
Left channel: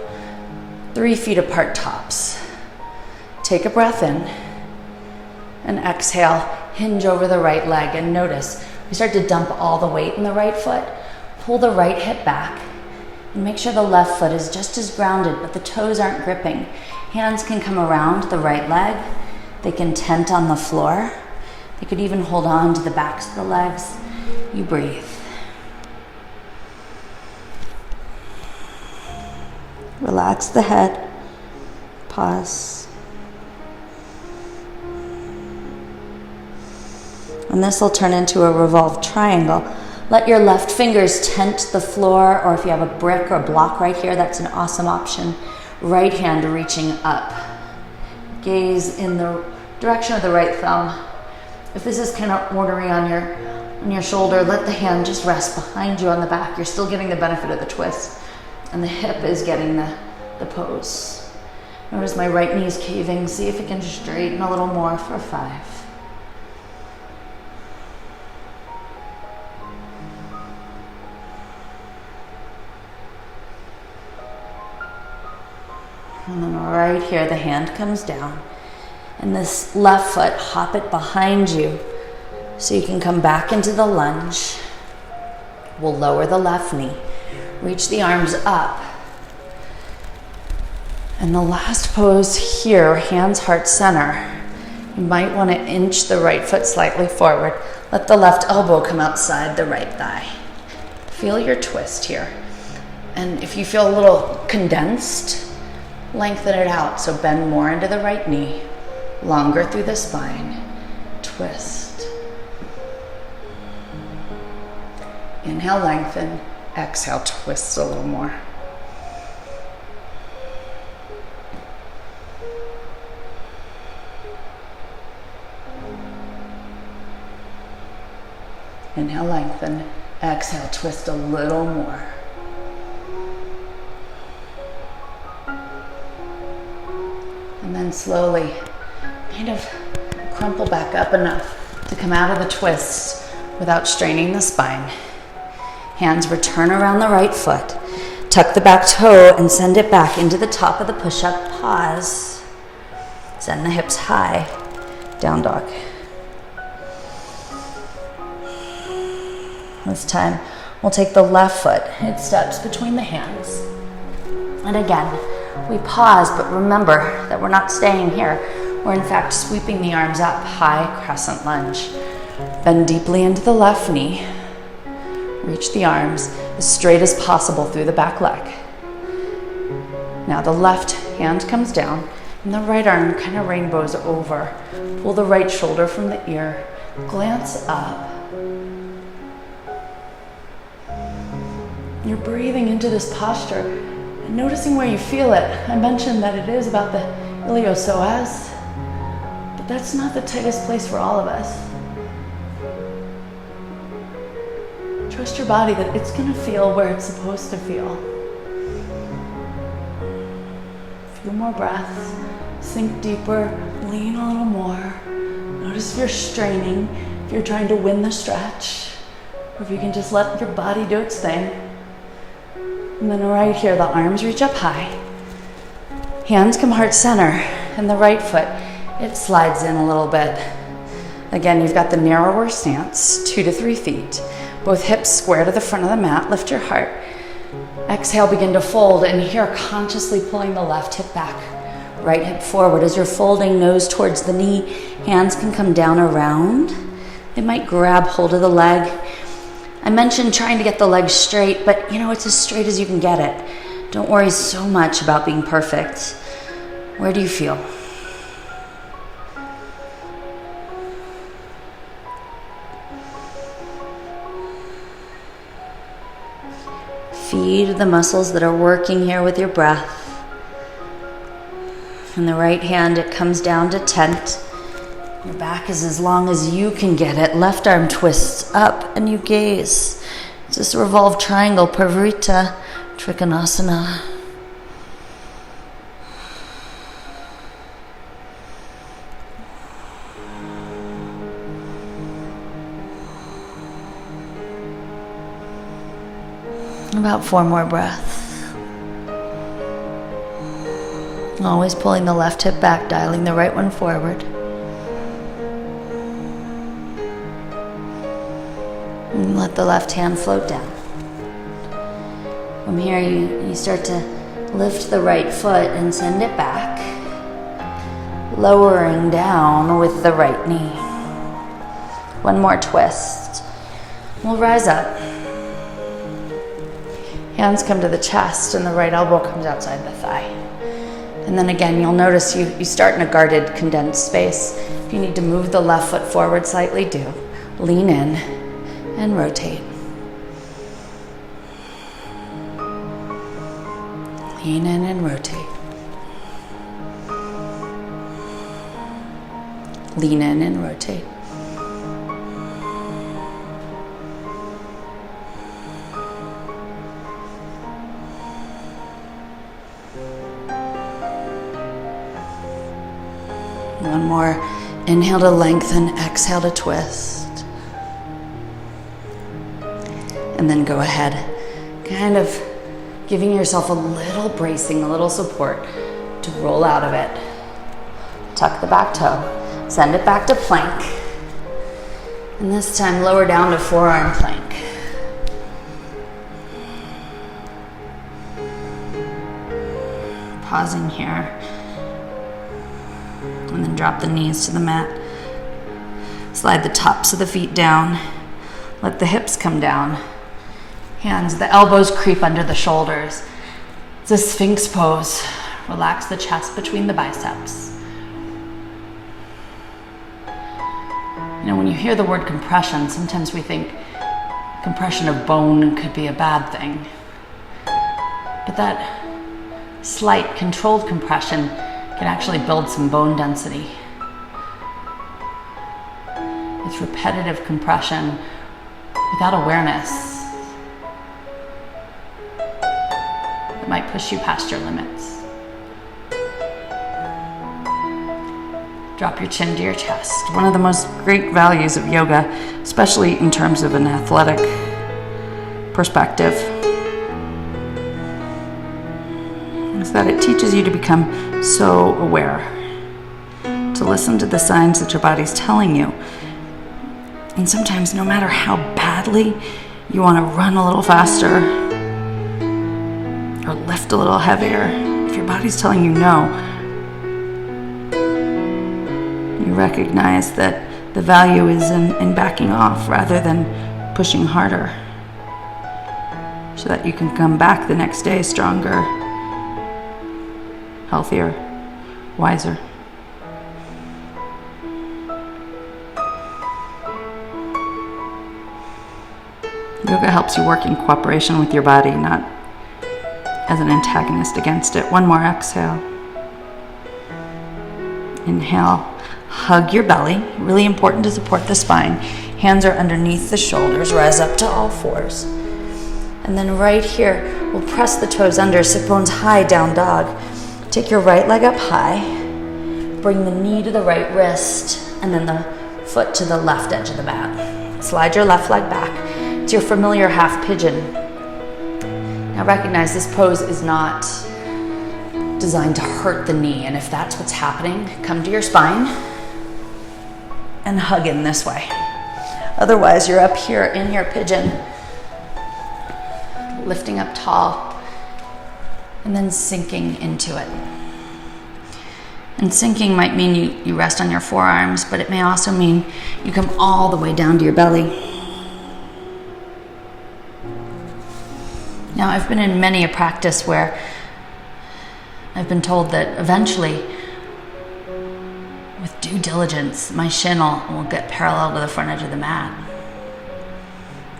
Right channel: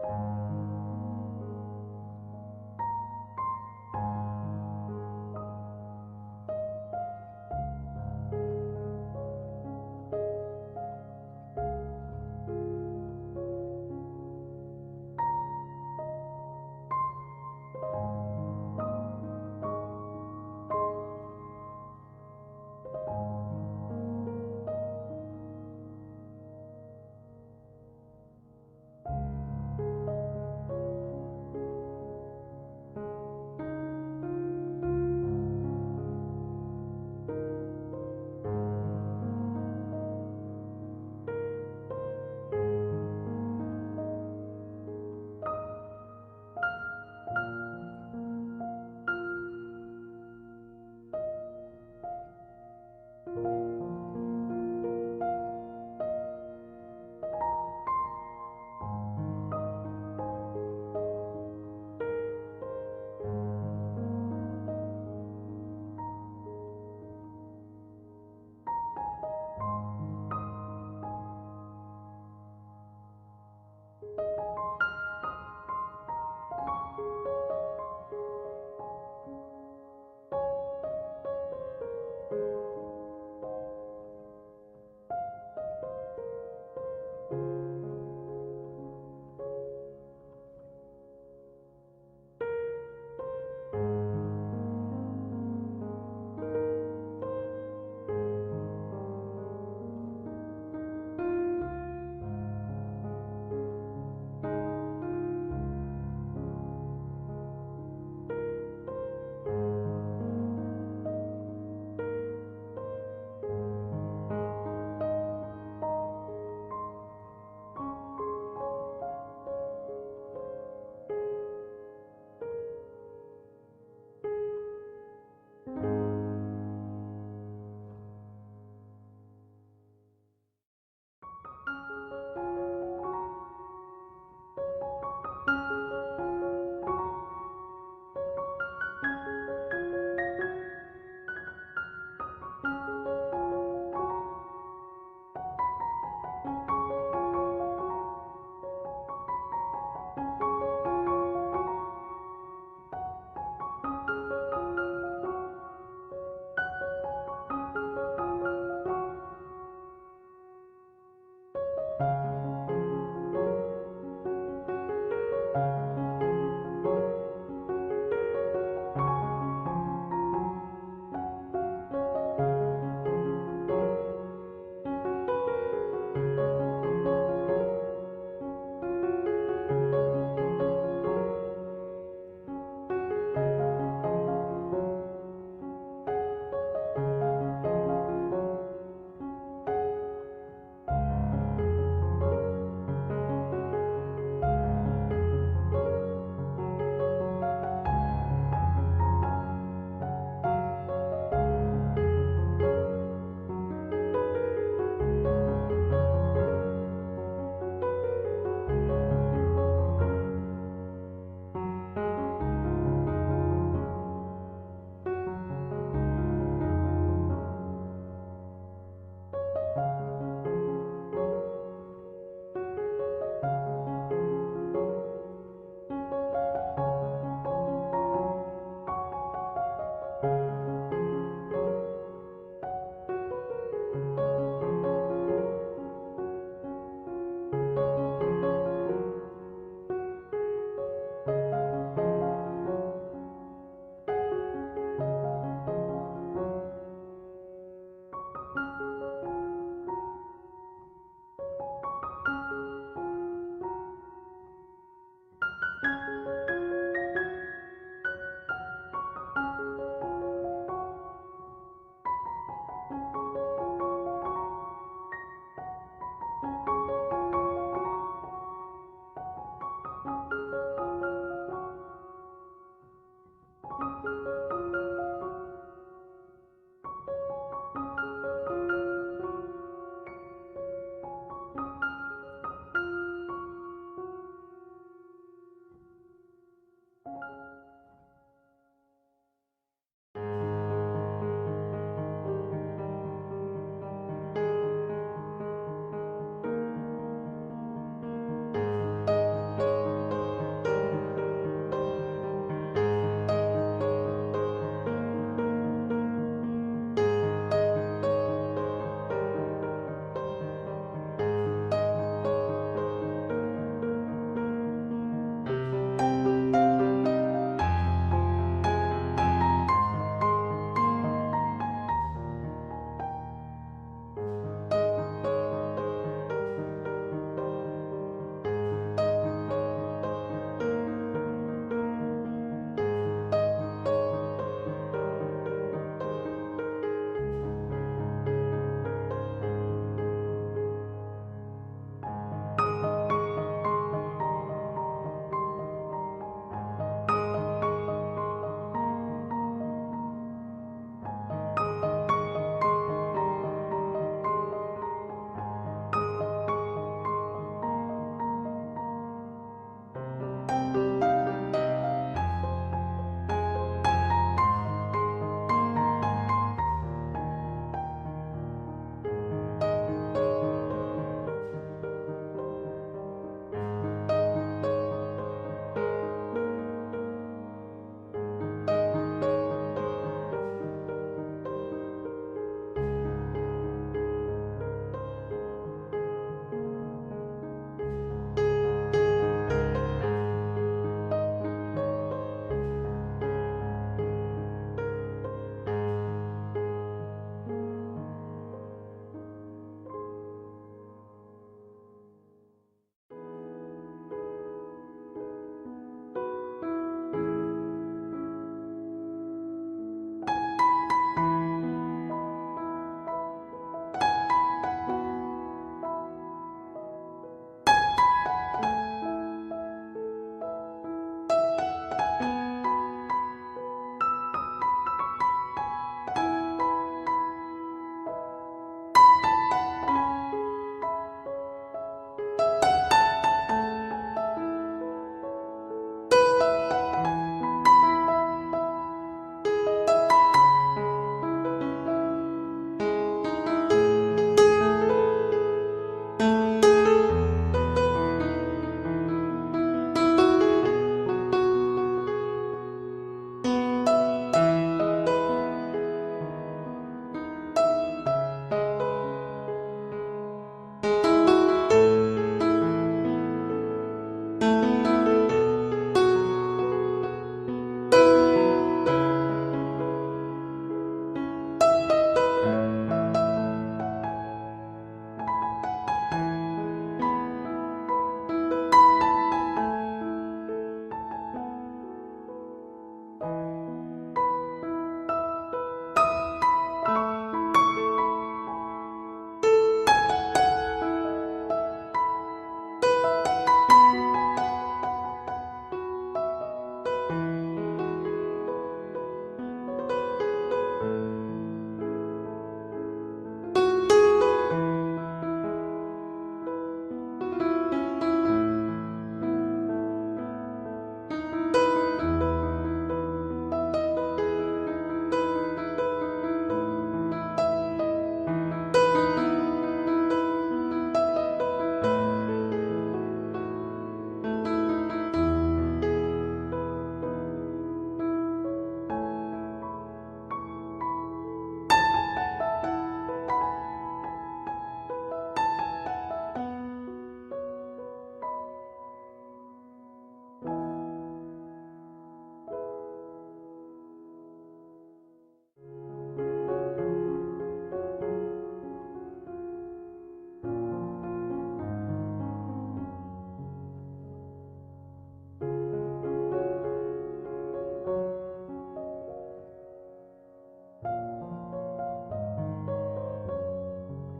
feet apart tops. Take a breath in. And exhale, hinge over the right leg. And notice, we start to dump all the weight in the right foot. Pull the right hip back. And make sure the left foot is just as grounded, but the toes aren't gripping. Hands can come around the right leg. They can tent on the floor. They could even hold on to the backs of the legs. You breathe. Relax the head. Pause. And this will turn into a revolved triangle. Let your left fingers tent the floor, or if you have a brick or block right here, that's an awesome option. Right hand reaching up. Gaze in the direction of the right thumb. If this is kind of ornery on your shoulder, let the hand just rest behind you on the back. You're still getting the benefit of the twist. And the hip is getting the pose. Notice my right knee's caving. See if it can straighten a little more for 5. And then right here, the hand comes down. And this left foot, hop it behind you so you can come back into the lunge. We'll lower the left knee. Reach the arms up. And the last pose here, hands heart center. You might want to inch the right foot slightly forward. Let the left elbow come outside the right thigh. Feel your twist here. And if you feel a little condensed, lengthen it out. So bend more into the right knee, longer through the spine. Twist. Inhale, lengthen. Exhale, twist a little more. Inhale, lengthen. Exhale, twist a little more. And then slowly kind of crumple back up enough to come out of the twist without straining the spine. Hands return around the right foot. Tuck the back toe and send it back into the top of the push-up. Pause. Send the hips high. Down dog. This time, we'll take the left foot. It steps between the hands. And again, we pause, but remember that we're not staying here. We're in fact sweeping the arms up, high crescent lunge. Bend deeply into the left knee. Reach the arms as straight as possible through the back leg. Now the left hand comes down. And the right arm kind of rainbows over. Pull the right shoulder from the ear. Glance up. You're breathing into this posture and noticing where you feel it. I mentioned that it is about the iliopsoas, but that's not the tightest place for all of us. Trust your body that it's going to feel where it's supposed to feel. Few more breaths. Sink deeper. Lean a little more. Notice if you're straining, if you're trying to win the stretch, or if you can just let your body do its thing. And then right here, the arms reach up high. Hands come heart center, and the right foot, it slides in a little bit. Again, you've got the narrower stance, 2 to 3 feet. Both hips square to the front of the mat, lift your heart. Exhale, begin to fold, and here, consciously pulling the left hip back. Right hip forward. As you're folding, nose towards the knee, hands can come down around. It might grab hold of the leg. I mentioned trying to get the leg straight, but it's as straight as you can get it. Don't worry so much about being perfect. Where do you feel? Feed the muscles that are working here with your breath. In the right hand, it comes down to tent. Your back is as long as you can get it. Left arm twists up and you gaze. It's this revolved triangle, Parivrtta Trikonasana. About 4 more breaths. Always pulling the left hip back, dialing the right one forward. And let the left hand float down. From here, you start to lift the right foot and send it back, lowering down with the right knee. One more twist. We'll rise up. Hands come to the chest and the right elbow comes outside the thigh. And then again, you'll notice you start in a guarded, condensed space. If you need to move the left foot forward slightly, do. Lean in and rotate. Lean in and rotate. Lean in and rotate. One more. Inhale to lengthen, exhale to twist. And then go ahead, kind of giving yourself a little bracing, a little support to roll out of it. Tuck the back toe, send it back to plank. And this time lower down to forearm plank. Pausing here. And then drop the knees to the mat. Slide the tops of the feet down. Let the hips come down. Hands, the elbows creep under the shoulders. It's a Sphinx pose. Relax the chest between the biceps. When you hear the word compression, sometimes we think compression of bone could be a bad thing. But that slight, controlled compression can actually build some bone density. It's repetitive compression without awareness. It might push you past your limits. Drop your chin to your chest. One of the most great values of yoga, especially in terms of an athletic perspective, is that it teaches you to become so aware, to listen to the signs that your body's telling you. And sometimes, no matter how badly you want to run a little faster or lift a little heavier, if your body's telling you no, recognize that the value is in backing off rather than pushing harder, so that you can come back the next day stronger, healthier, wiser. Yoga helps you work in cooperation with your body, not as an antagonist against it. One more exhale. Inhale, hug your belly. Really important to support the spine. Hands are underneath the shoulders. Rise up to all fours. And then right here, we'll press the toes under, sit bones high, down dog. Take your right leg up high. Bring the knee to the right wrist, and then the foot to the left edge of the mat. Slide your left leg back. It's your familiar half pigeon. Now recognize this pose is not designed to hurt the knee, and if that's what's happening, come to your spine and hug in this way. Otherwise, you're up here in your pigeon, lifting up tall, and then sinking into it. And sinking might mean you rest on your forearms, but it may also mean you come all the way down to your belly. Now, I've been in many a practice where I've been told that eventually, with due diligence, my shin will get parallel to the front edge of the mat.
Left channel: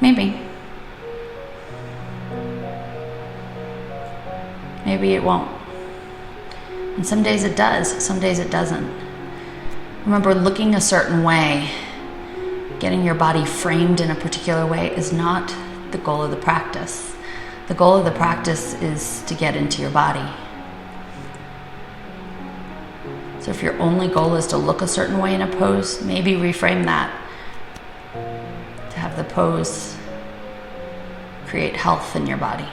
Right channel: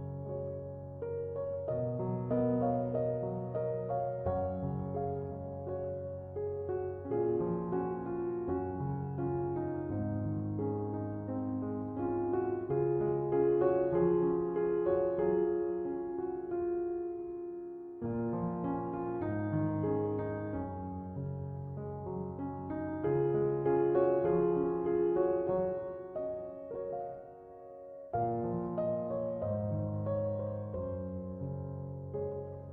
Maybe. Maybe it won't. And some days it does, some days it doesn't. Remember, looking a certain way, getting your body framed in a particular way is not the goal of the practice. The goal of the practice is to get into your body. So if your only goal is to look a certain way in a pose, maybe reframe that to have the pose create health in your body.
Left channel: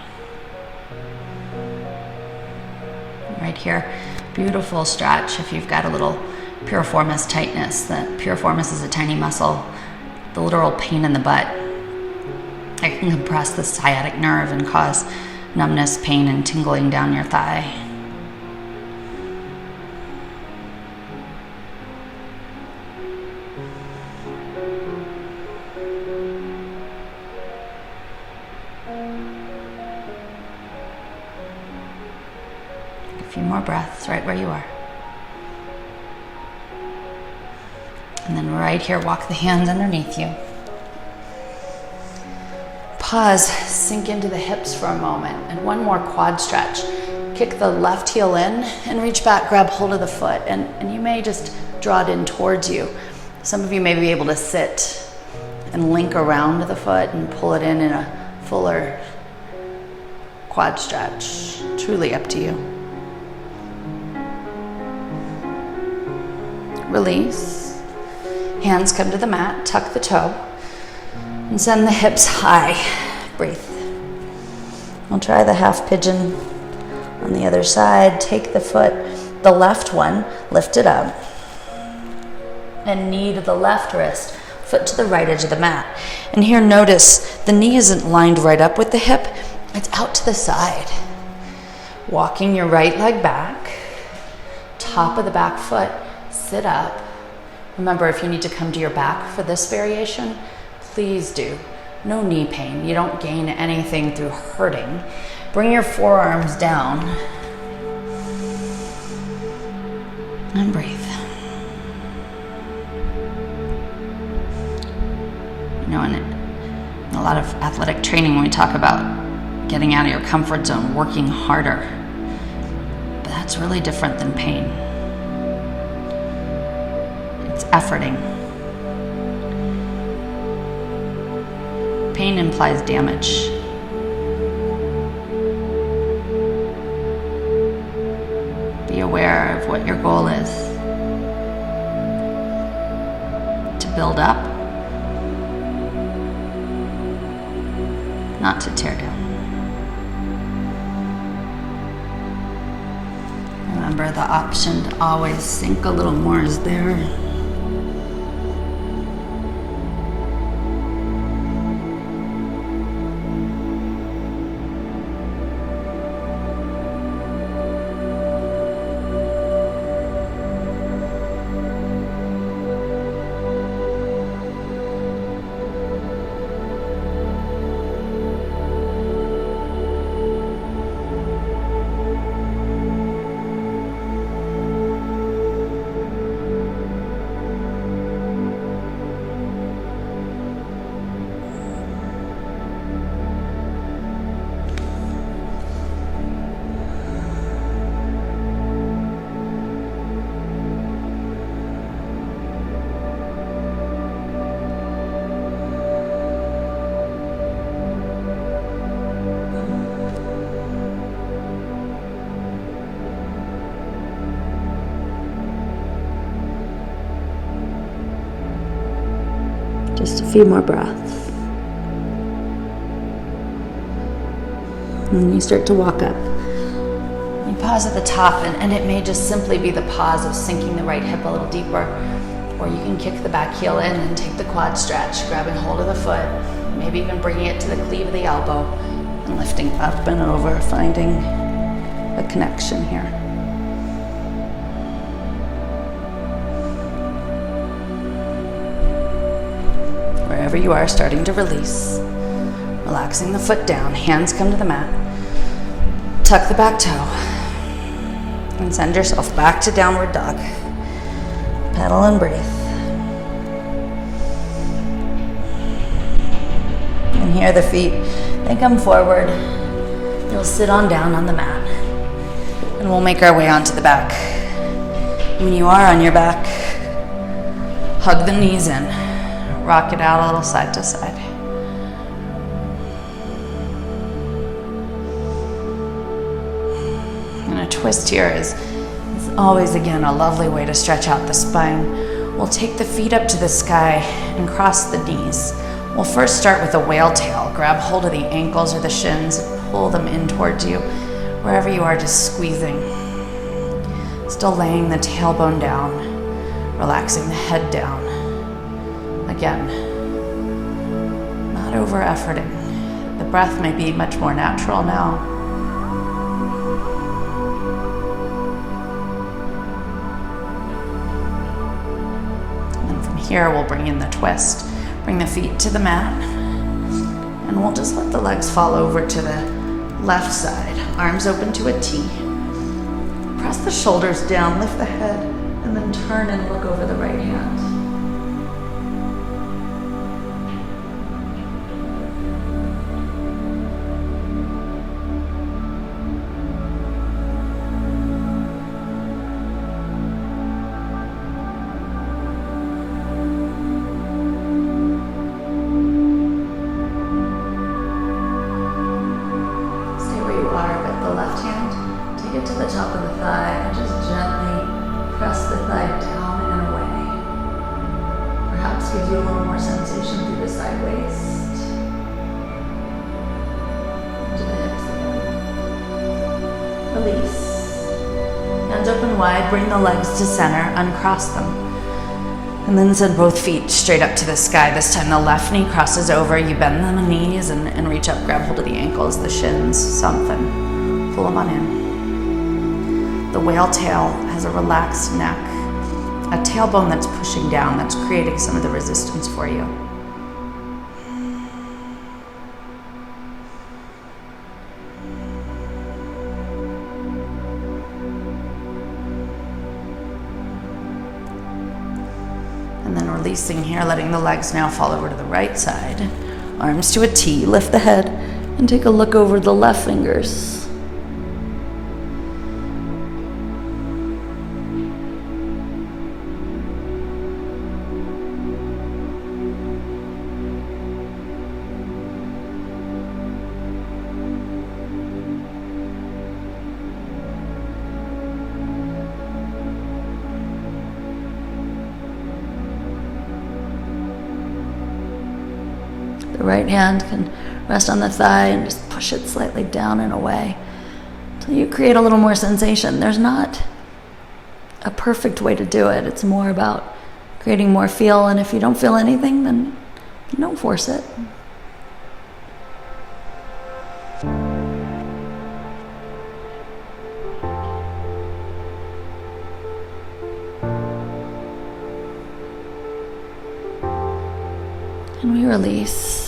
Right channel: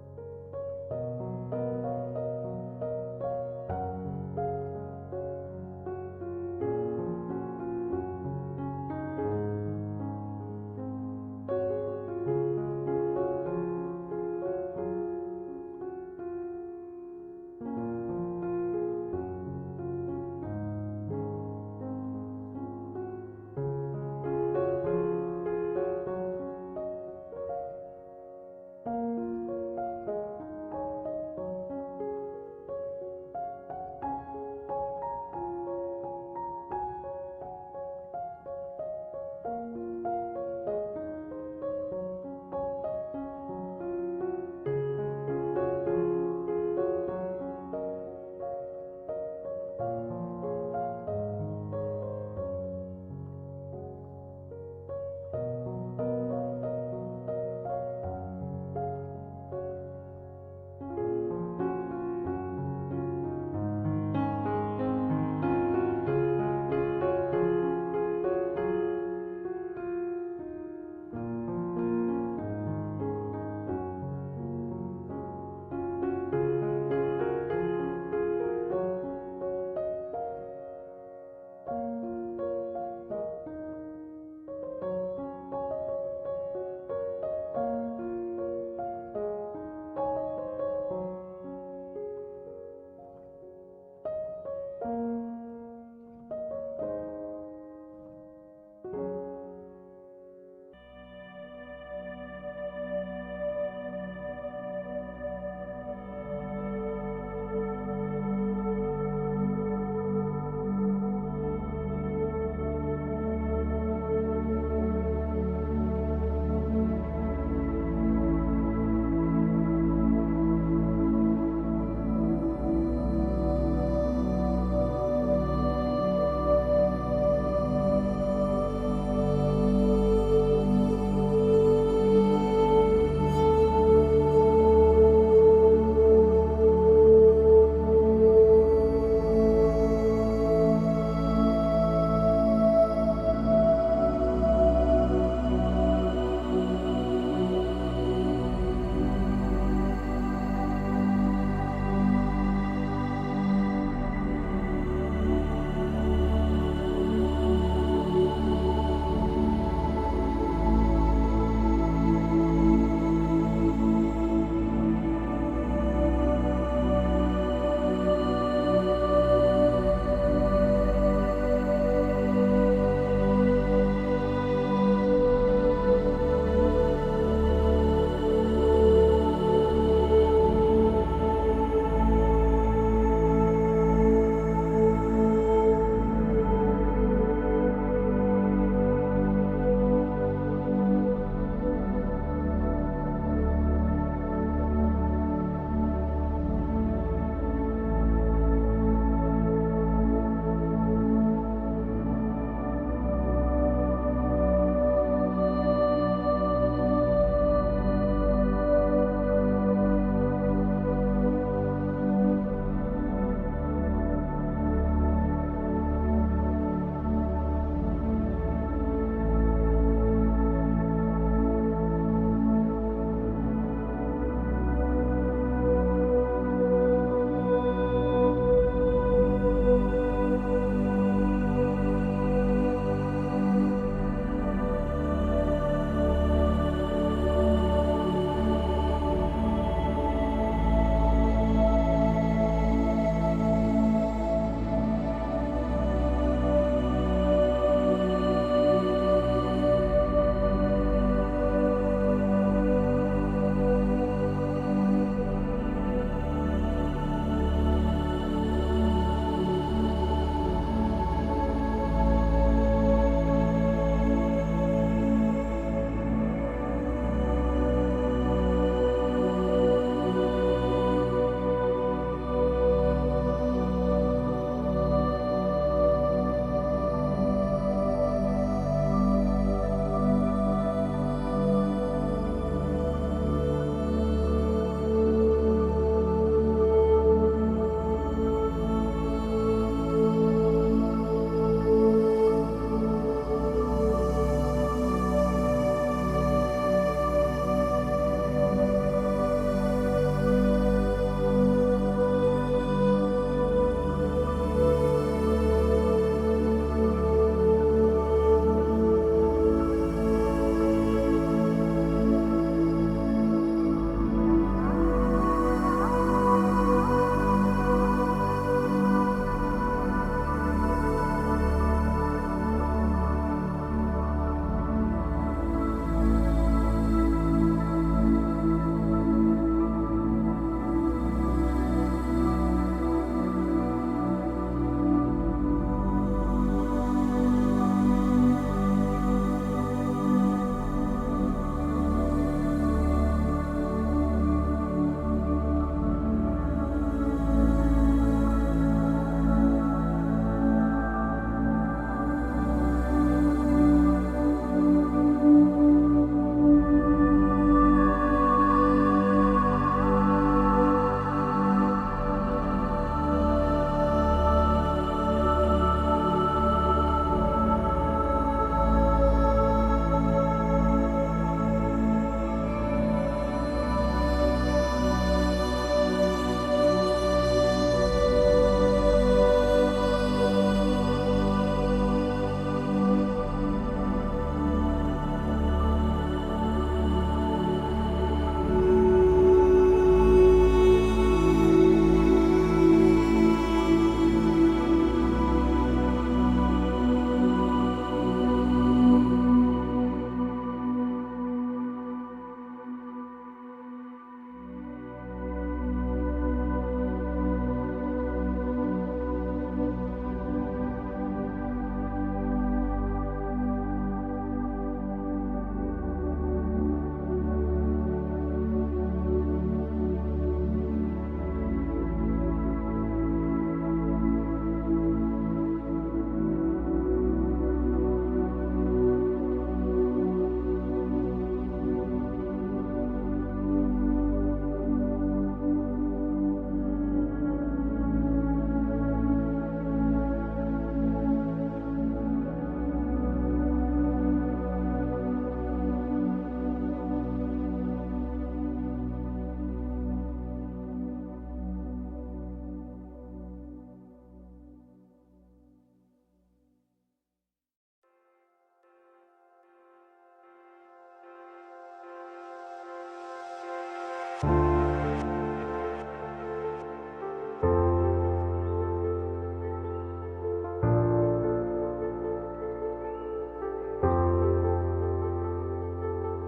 Right here, beautiful stretch if you've got a little piriformis tightness. The piriformis is a tiny muscle, the literal pain in the butt. It can compress the sciatic nerve and cause numbness, pain, and tingling down your thigh. A few more breaths right where you are. And then right here, walk the hands underneath you. Pause, sink into the hips for a moment, and one more quad stretch. Kick the left heel in and reach back, grab hold of the foot, and you may just draw it in towards you. Some of you may be able to sit and link around the foot and pull it in a fuller quad stretch. Truly up to you. Release. Hands come to the mat, tuck the toe. And send the hips high. Breathe. We'll try the half pigeon on the other side. Take the foot, the left one, lift it up. And knee to the left wrist, foot to the right edge of the mat. And here notice the knee isn't lined right up with the hip, it's out to the side. Walking your right leg back, top of the back foot, sit up. Remember, if you need to come to your back for this variation, please do. No knee pain. You don't gain anything through hurting. Bring your forearms down. And breathe. You know, in a lot of athletic training, when we talk about getting out of your comfort zone, working harder, but that's really different than pain. It's efforting. Pain implies damage. Be aware of what your goal is. To build up, not to tear down. Remember, the option to always sink a little more is there. Just a few more breaths. And then you start to walk up. You pause at the top, and it may just simply be the pause of sinking the right hip a little deeper. Or you can kick the back heel in and take the quad stretch, grabbing hold of the foot, maybe even bringing it to the cleave of the elbow, and lifting up and over, finding a connection here. Wherever you are, starting to release. Relaxing the foot down, hands come to the mat. Tuck the back toe. And send yourself back to downward dog. Pedal and breathe. And here the feet, they come forward. You'll sit on down on the mat. And we'll make our way onto the back. When you are on your back, hug the knees in. Rock it out a little side to side. And a twist here is always, again, a lovely way to stretch out the spine. We'll take the feet up to the sky and cross the knees. We'll first start with a whale tail. Grab hold of the ankles or the shins and pull them in towards you. Wherever you are, just squeezing. Still laying the tailbone down, relaxing the head down. Again, not over efforting. The breath may be much more natural now. And then from here, we'll bring in the twist. Bring the feet to the mat, and we'll just let the legs fall over to the left side. Arms open to a T. Press the shoulders down, lift the head, and then turn and look over the right hand. Open wide, bring the legs to center, uncross them. And then send both feet straight up to the sky. This time the left knee crosses over, you bend the knees and reach up, grab hold of the ankles, the shins, soften, pull them on in. The whale tail has a relaxed neck, a tailbone that's pushing down, that's creating some of the resistance for you. And then releasing here, letting the legs now fall over to the right side. Arms to a T, lift the head, and take a look over the left fingers. The right hand can rest on the thigh and just push it slightly down and away until you create a little more sensation. There's not a perfect way to do it. It's more about creating more feel, and if you don't feel anything, then don't force it. And we release.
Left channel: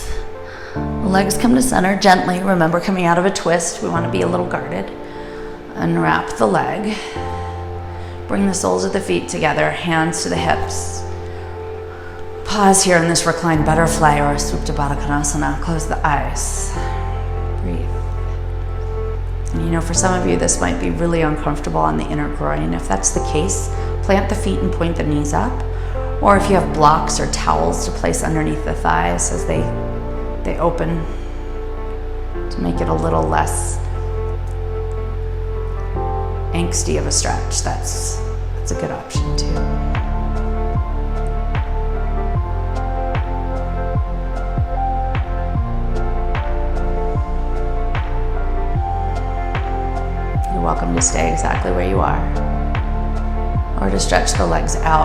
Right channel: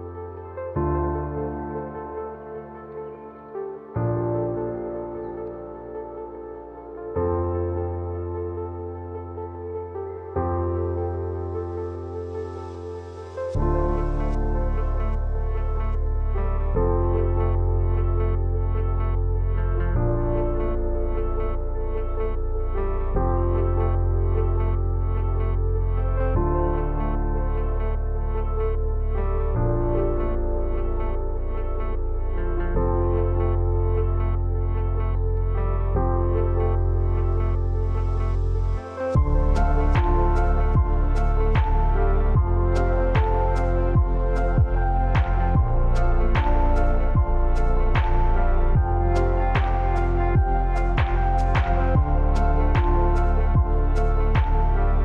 The legs come to center gently. Remember, coming out of a twist, we want to be a little guarded. Unwrap the leg. Bring the soles of the feet together, hands to the hips. Pause here in this reclined butterfly or Supta Baddha Konasana. Close the eyes. Breathe. And you know, for some of you, this might be really uncomfortable on the inner groin. If that's the case, plant the feet and point the knees up. Or if you have blocks or towels to place underneath the thighs as they open to make it a little less angsty of a stretch, that's a good option too.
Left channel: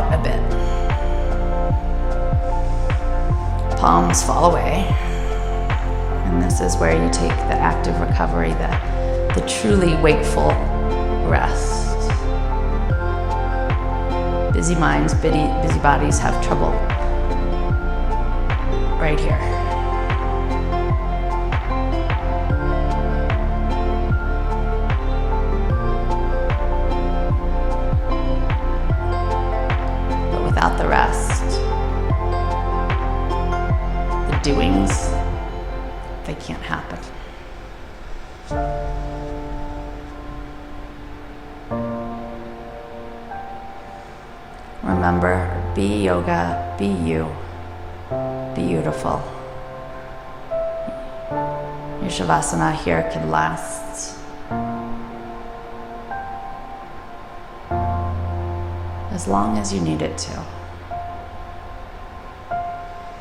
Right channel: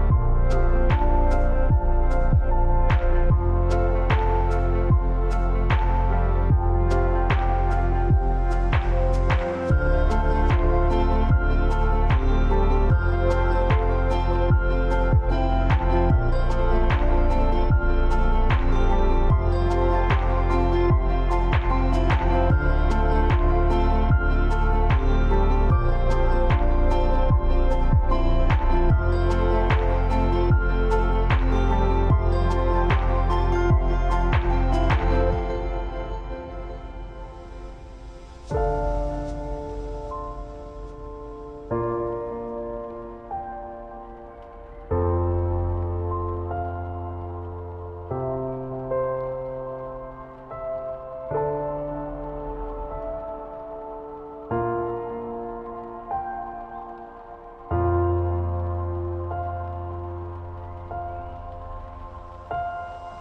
out a bit. Palms fall away. And this is where you take the active recovery, the truly wakeful rest. Busy minds, busy bodies have trouble right here. But without the rest, the doings, they can't happen. Remember, be yoga, be you, be beautiful. Your shavasana here can last as long as you need it to.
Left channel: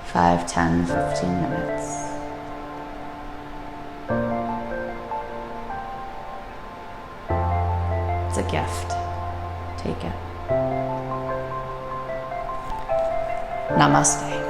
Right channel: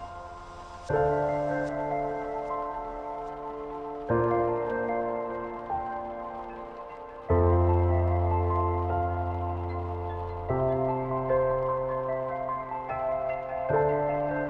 5, 10, 15 minutes. It's a gift. Take it. Namaste.